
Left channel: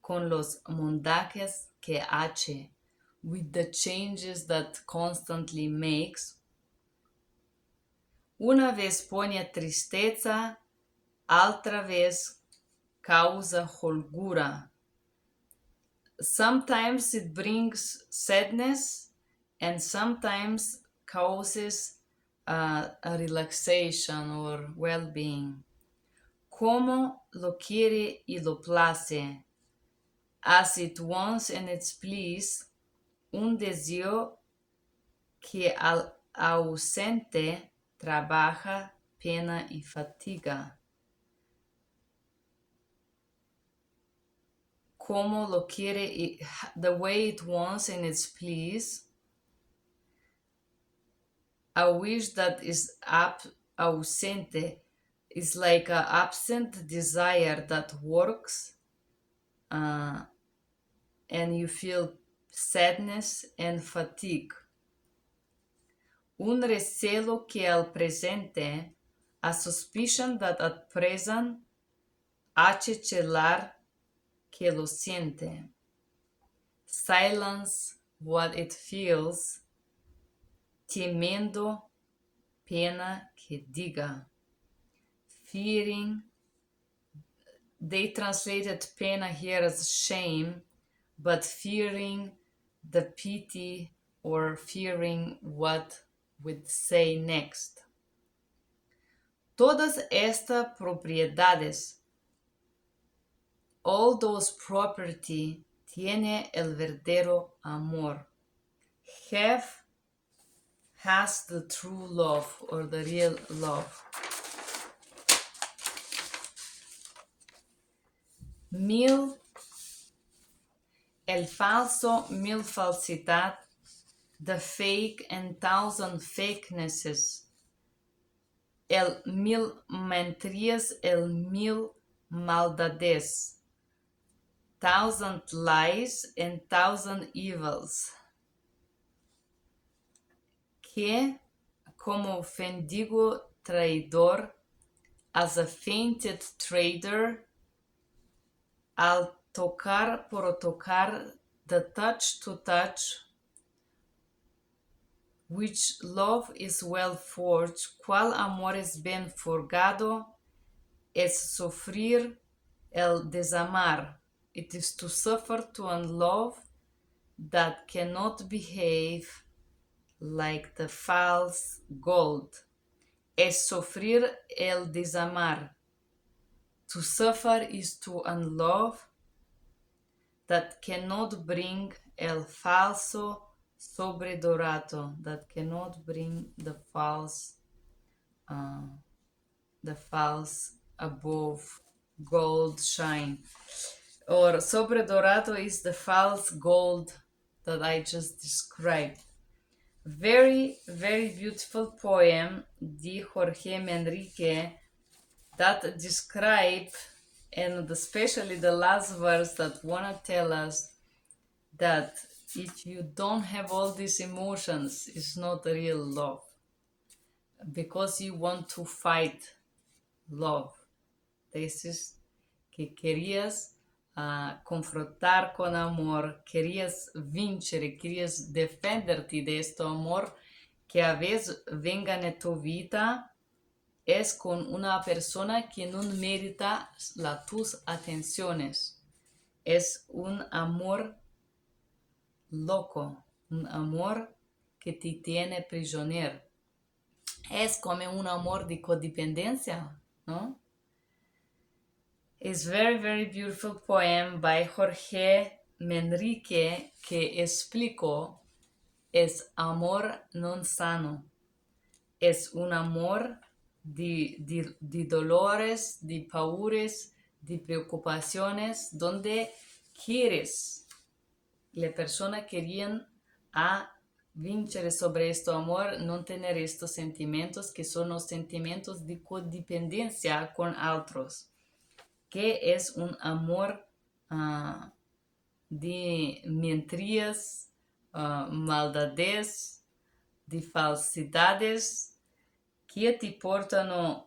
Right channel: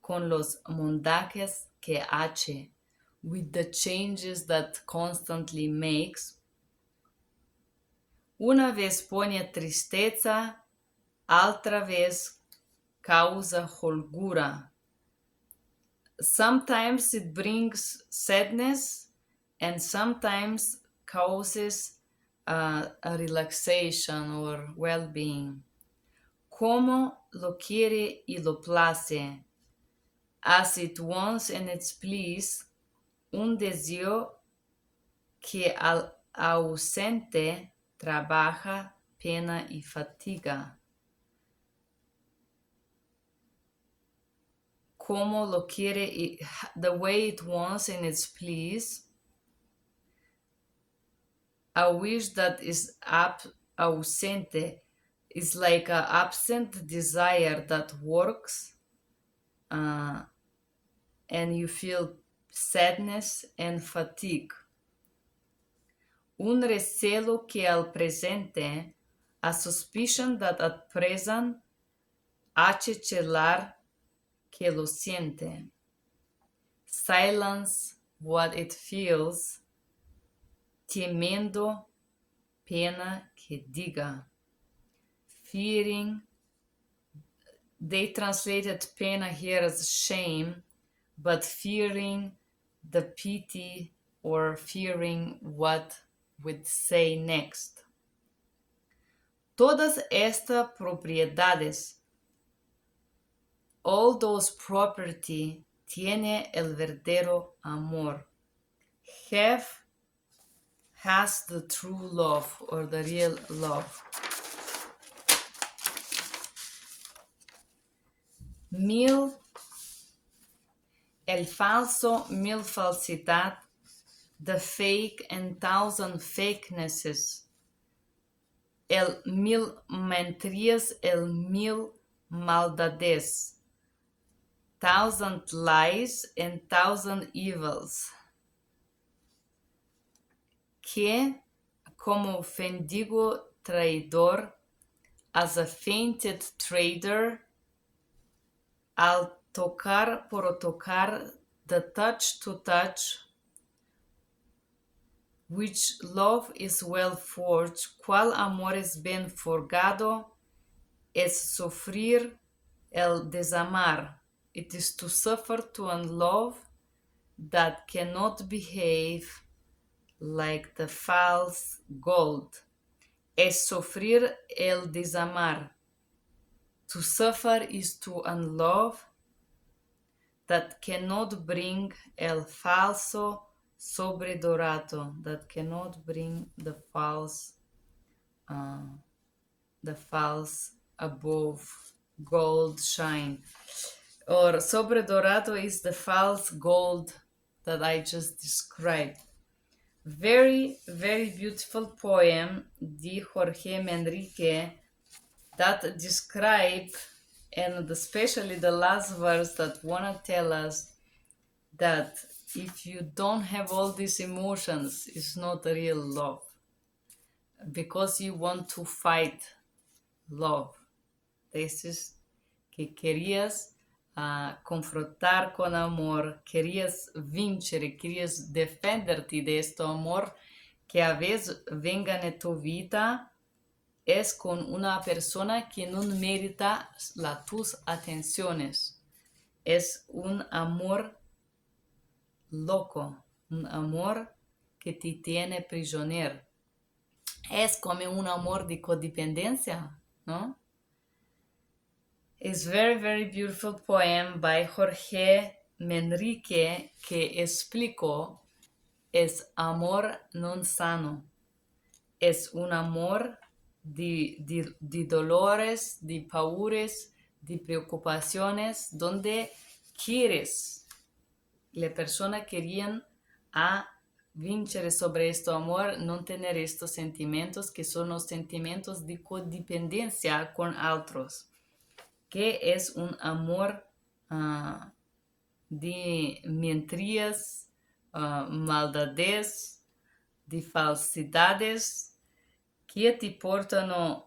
con los mondajes que hace, with the changes that constantly makes. Una vez pone tristeza, otra vez causa holgura. Sometimes it brings sadness and sometimes causes a relaxation or well-being. Como lo quiere y lo place, as it wants and it please, un deseo que al ausente trabaja, pena y fatiga. Como lo quiere, the way it wants and it's pleased. A wish that is ausente is like an absent desire that works, and you feel sadness and fatigue. Un recelo que al presente, a suspicion that at present, hace celar que lo siente. Silence what it feels, temiendo pena que diga. Fearing, they translated pena here as shame, but fearing the pity or fearing what would say next. Todas estas propiedades, all those property, tiene el verdadero amor. Has the true love or the real love. El falso, mil falsidad, the fake and thousand fakenesses, el mil mentiras, el mil maldades, thousand lies and thousand evils, que como mendigo traidor, as a fainted trader, al tocar por tocar, the touch to touch, which love is well forged, cual amor es bien forgado, es sufrir el desamar. It is to suffer to unlove that cannot behave like the false gold. Es sufrir el desamar. To suffer is to unlove that cannot bring el falso sobredorado, that cannot bring the false above gold shine. Or sobredorado is the false gold that I just described. Very, very beautiful poem de Jorge Manrique that describe, and especially the last verse that wanna tell us that if you don't have all these emotions, it's not real love, because you want to fight love. This is que querías confrontar con amor, querías vincere, querías defenderte de este amor que a veces venga en tu vida. Es con una persona que no merita tus atenciones. Es un amor loco, un amor que te tiene prisionero. Es como un amor de codependencia, ¿no? It's very, very beautiful poem by Jorge Manrique que explicó es amor non sano. Es un amor de dolores, de paures, de preocupaciones, donde quieres, la persona querían vincere sobre este amor, no tener estos sentimientos que son los sentimientos de codependencia con otros, que es un amor de mentiras, maldades, de falsidades que te portam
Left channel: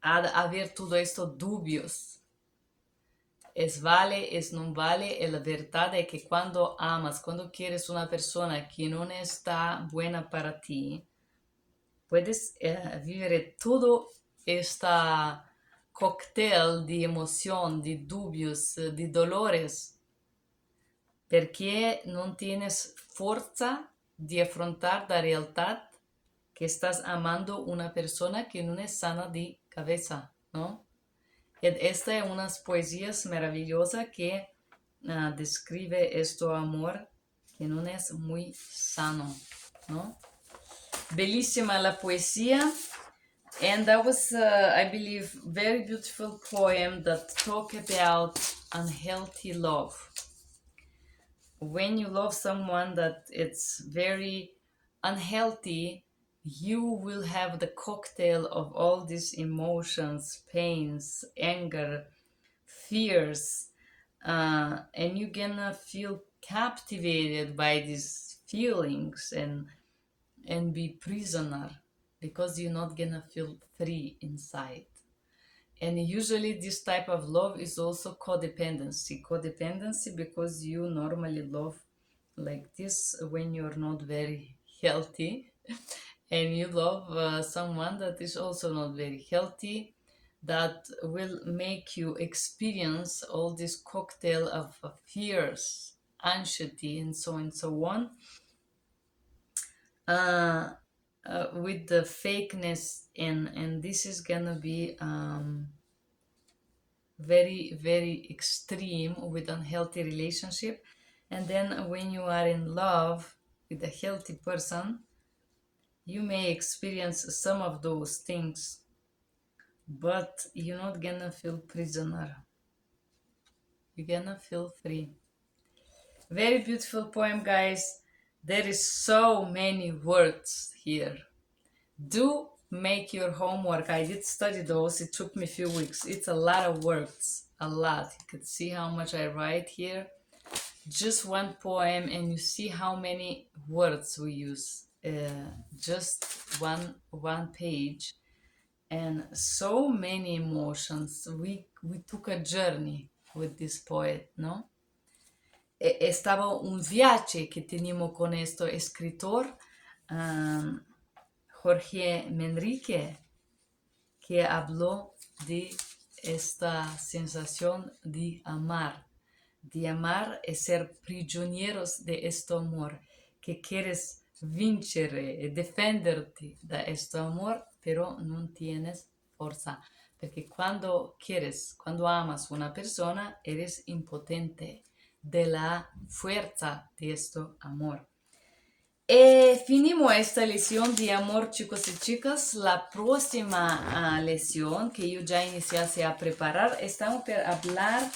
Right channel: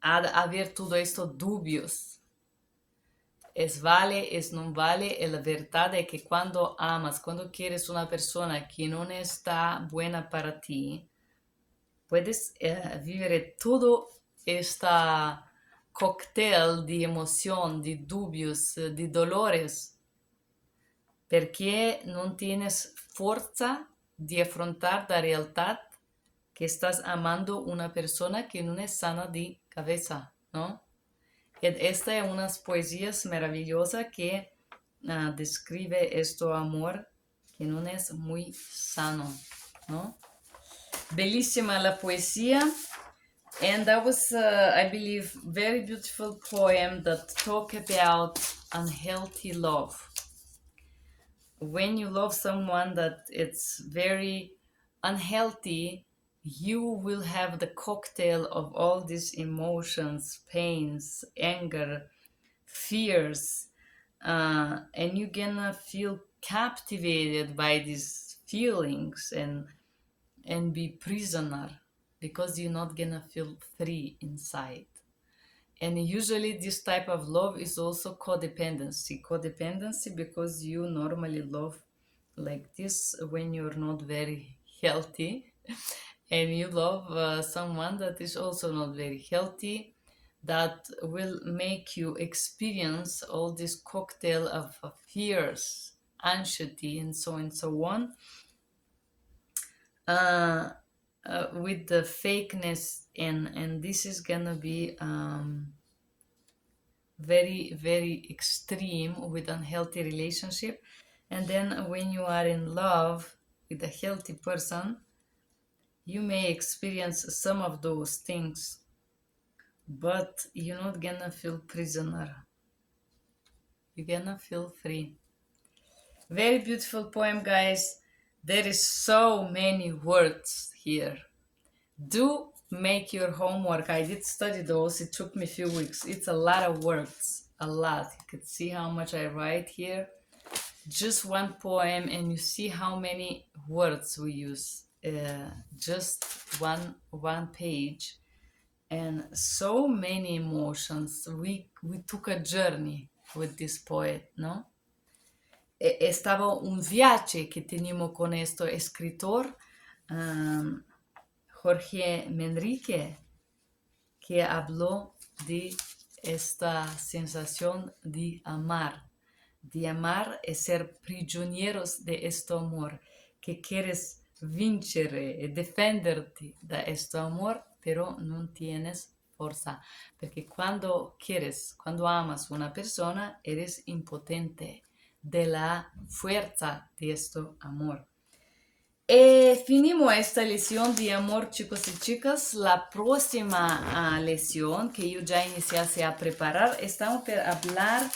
a ver tudo isto dúbios. Es vale, es no vale, y la verdad es que cuando amas, cuando quieres una persona que no está buena para ti, puedes vivir todo este cóctel de emoción, de dubios, de dolores, porque no tienes fuerza de afrontar la realidad que estás amando una persona que no es sana de cabeza, ¿no? Esta es unas poesías maravillosas que describe este amor que no es muy sano, ¿no? Bellísima la poesía. And that was, I believe, very beautiful poem that talk about unhealthy love. When you love someone that it's very unhealthy, you will have the cocktail of all these emotions, pains, anger, fears, and you're gonna feel captivated by these feelings and be prisoner because you're not gonna feel free inside. And usually this type of love is also codependency because you normally love like this when you're not very healthy and you love someone that is also not very healthy, that will make you experience all this cocktail of fears, anxiety, and so on, with the fakeness, and this is gonna be very, very extreme with unhealthy relationship. And then when you are in love with a healthy person, you may experience some of those things, but you're not gonna feel prisoner. You're gonna feel free. Very beautiful poem, guys. There is so many words here. Do make your homework. I did study those. It took me a few weeks. It's a lot of words. A lot. You can see how much I write here. Just one poem, and you see how many words we use. Just one page, and so many emotions. We took a journey with this poet, no? Estaba un viaje que teníamos con este escritor, Jorge Manrique, que habló de esta sensación de amar. De amar es ser prisioneros de este amor, que quieres vincere, defenderte de este amor, pero no tienes fuerza. Porque cuando amas una persona, eres impotente de la fuerza de este amor. Finimos esta lección de amor, chicos y chicas. La próxima lección que yo ya iniciase a preparar, estamos para hablar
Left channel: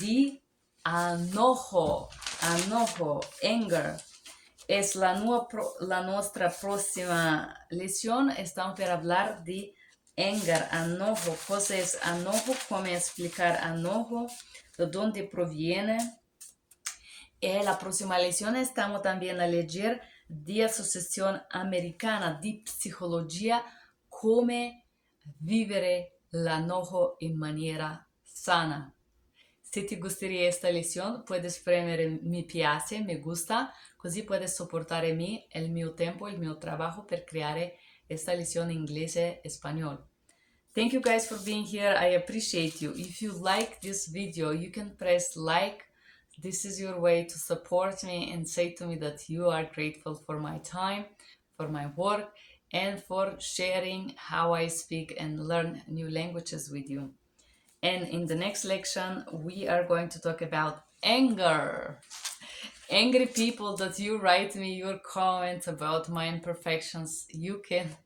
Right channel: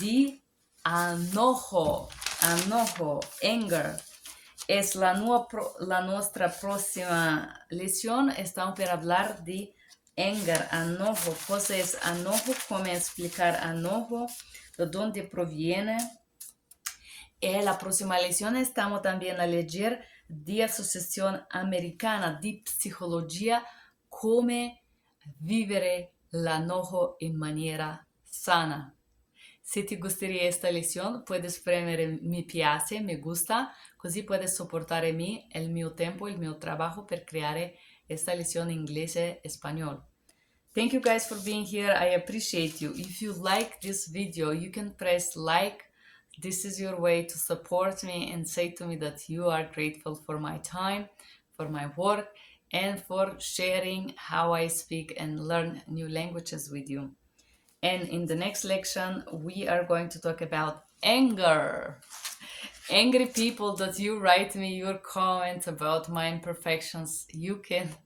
de enojo, anger. Es la nuestra próxima lección. Estamos para hablar de anger, enojo. Cosa es enojo, cómo explicar enojo, de dónde proviene. En la próxima lección estamos también a leer de Asociación Americana de Psicología, cómo vivir el enojo en manera sana. Si te gustaría esta lección, puedes premiar mi piace, me gusta, così puedes soportar a mí el mio tiempo, el mio trabajo para crear esta lección en inglés y español. Thank you guys for being here. I appreciate you. If you like this video, you can press like. This is your way to support me and say to me that you are grateful for my time, for my work, and for sharing how I speak and learn new languages with you. And in the next lection, we are going to talk about anger. Angry people that you write me your comments about my imperfections, you can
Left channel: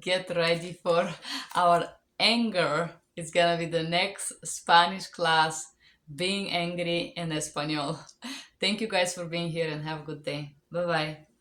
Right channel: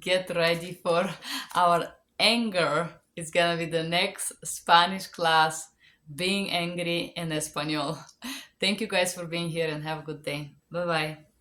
get ready for our anger. It's gonna be the next Spanish class, being angry in Espanol. Thank you guys for being here and have a good day. Bye-bye.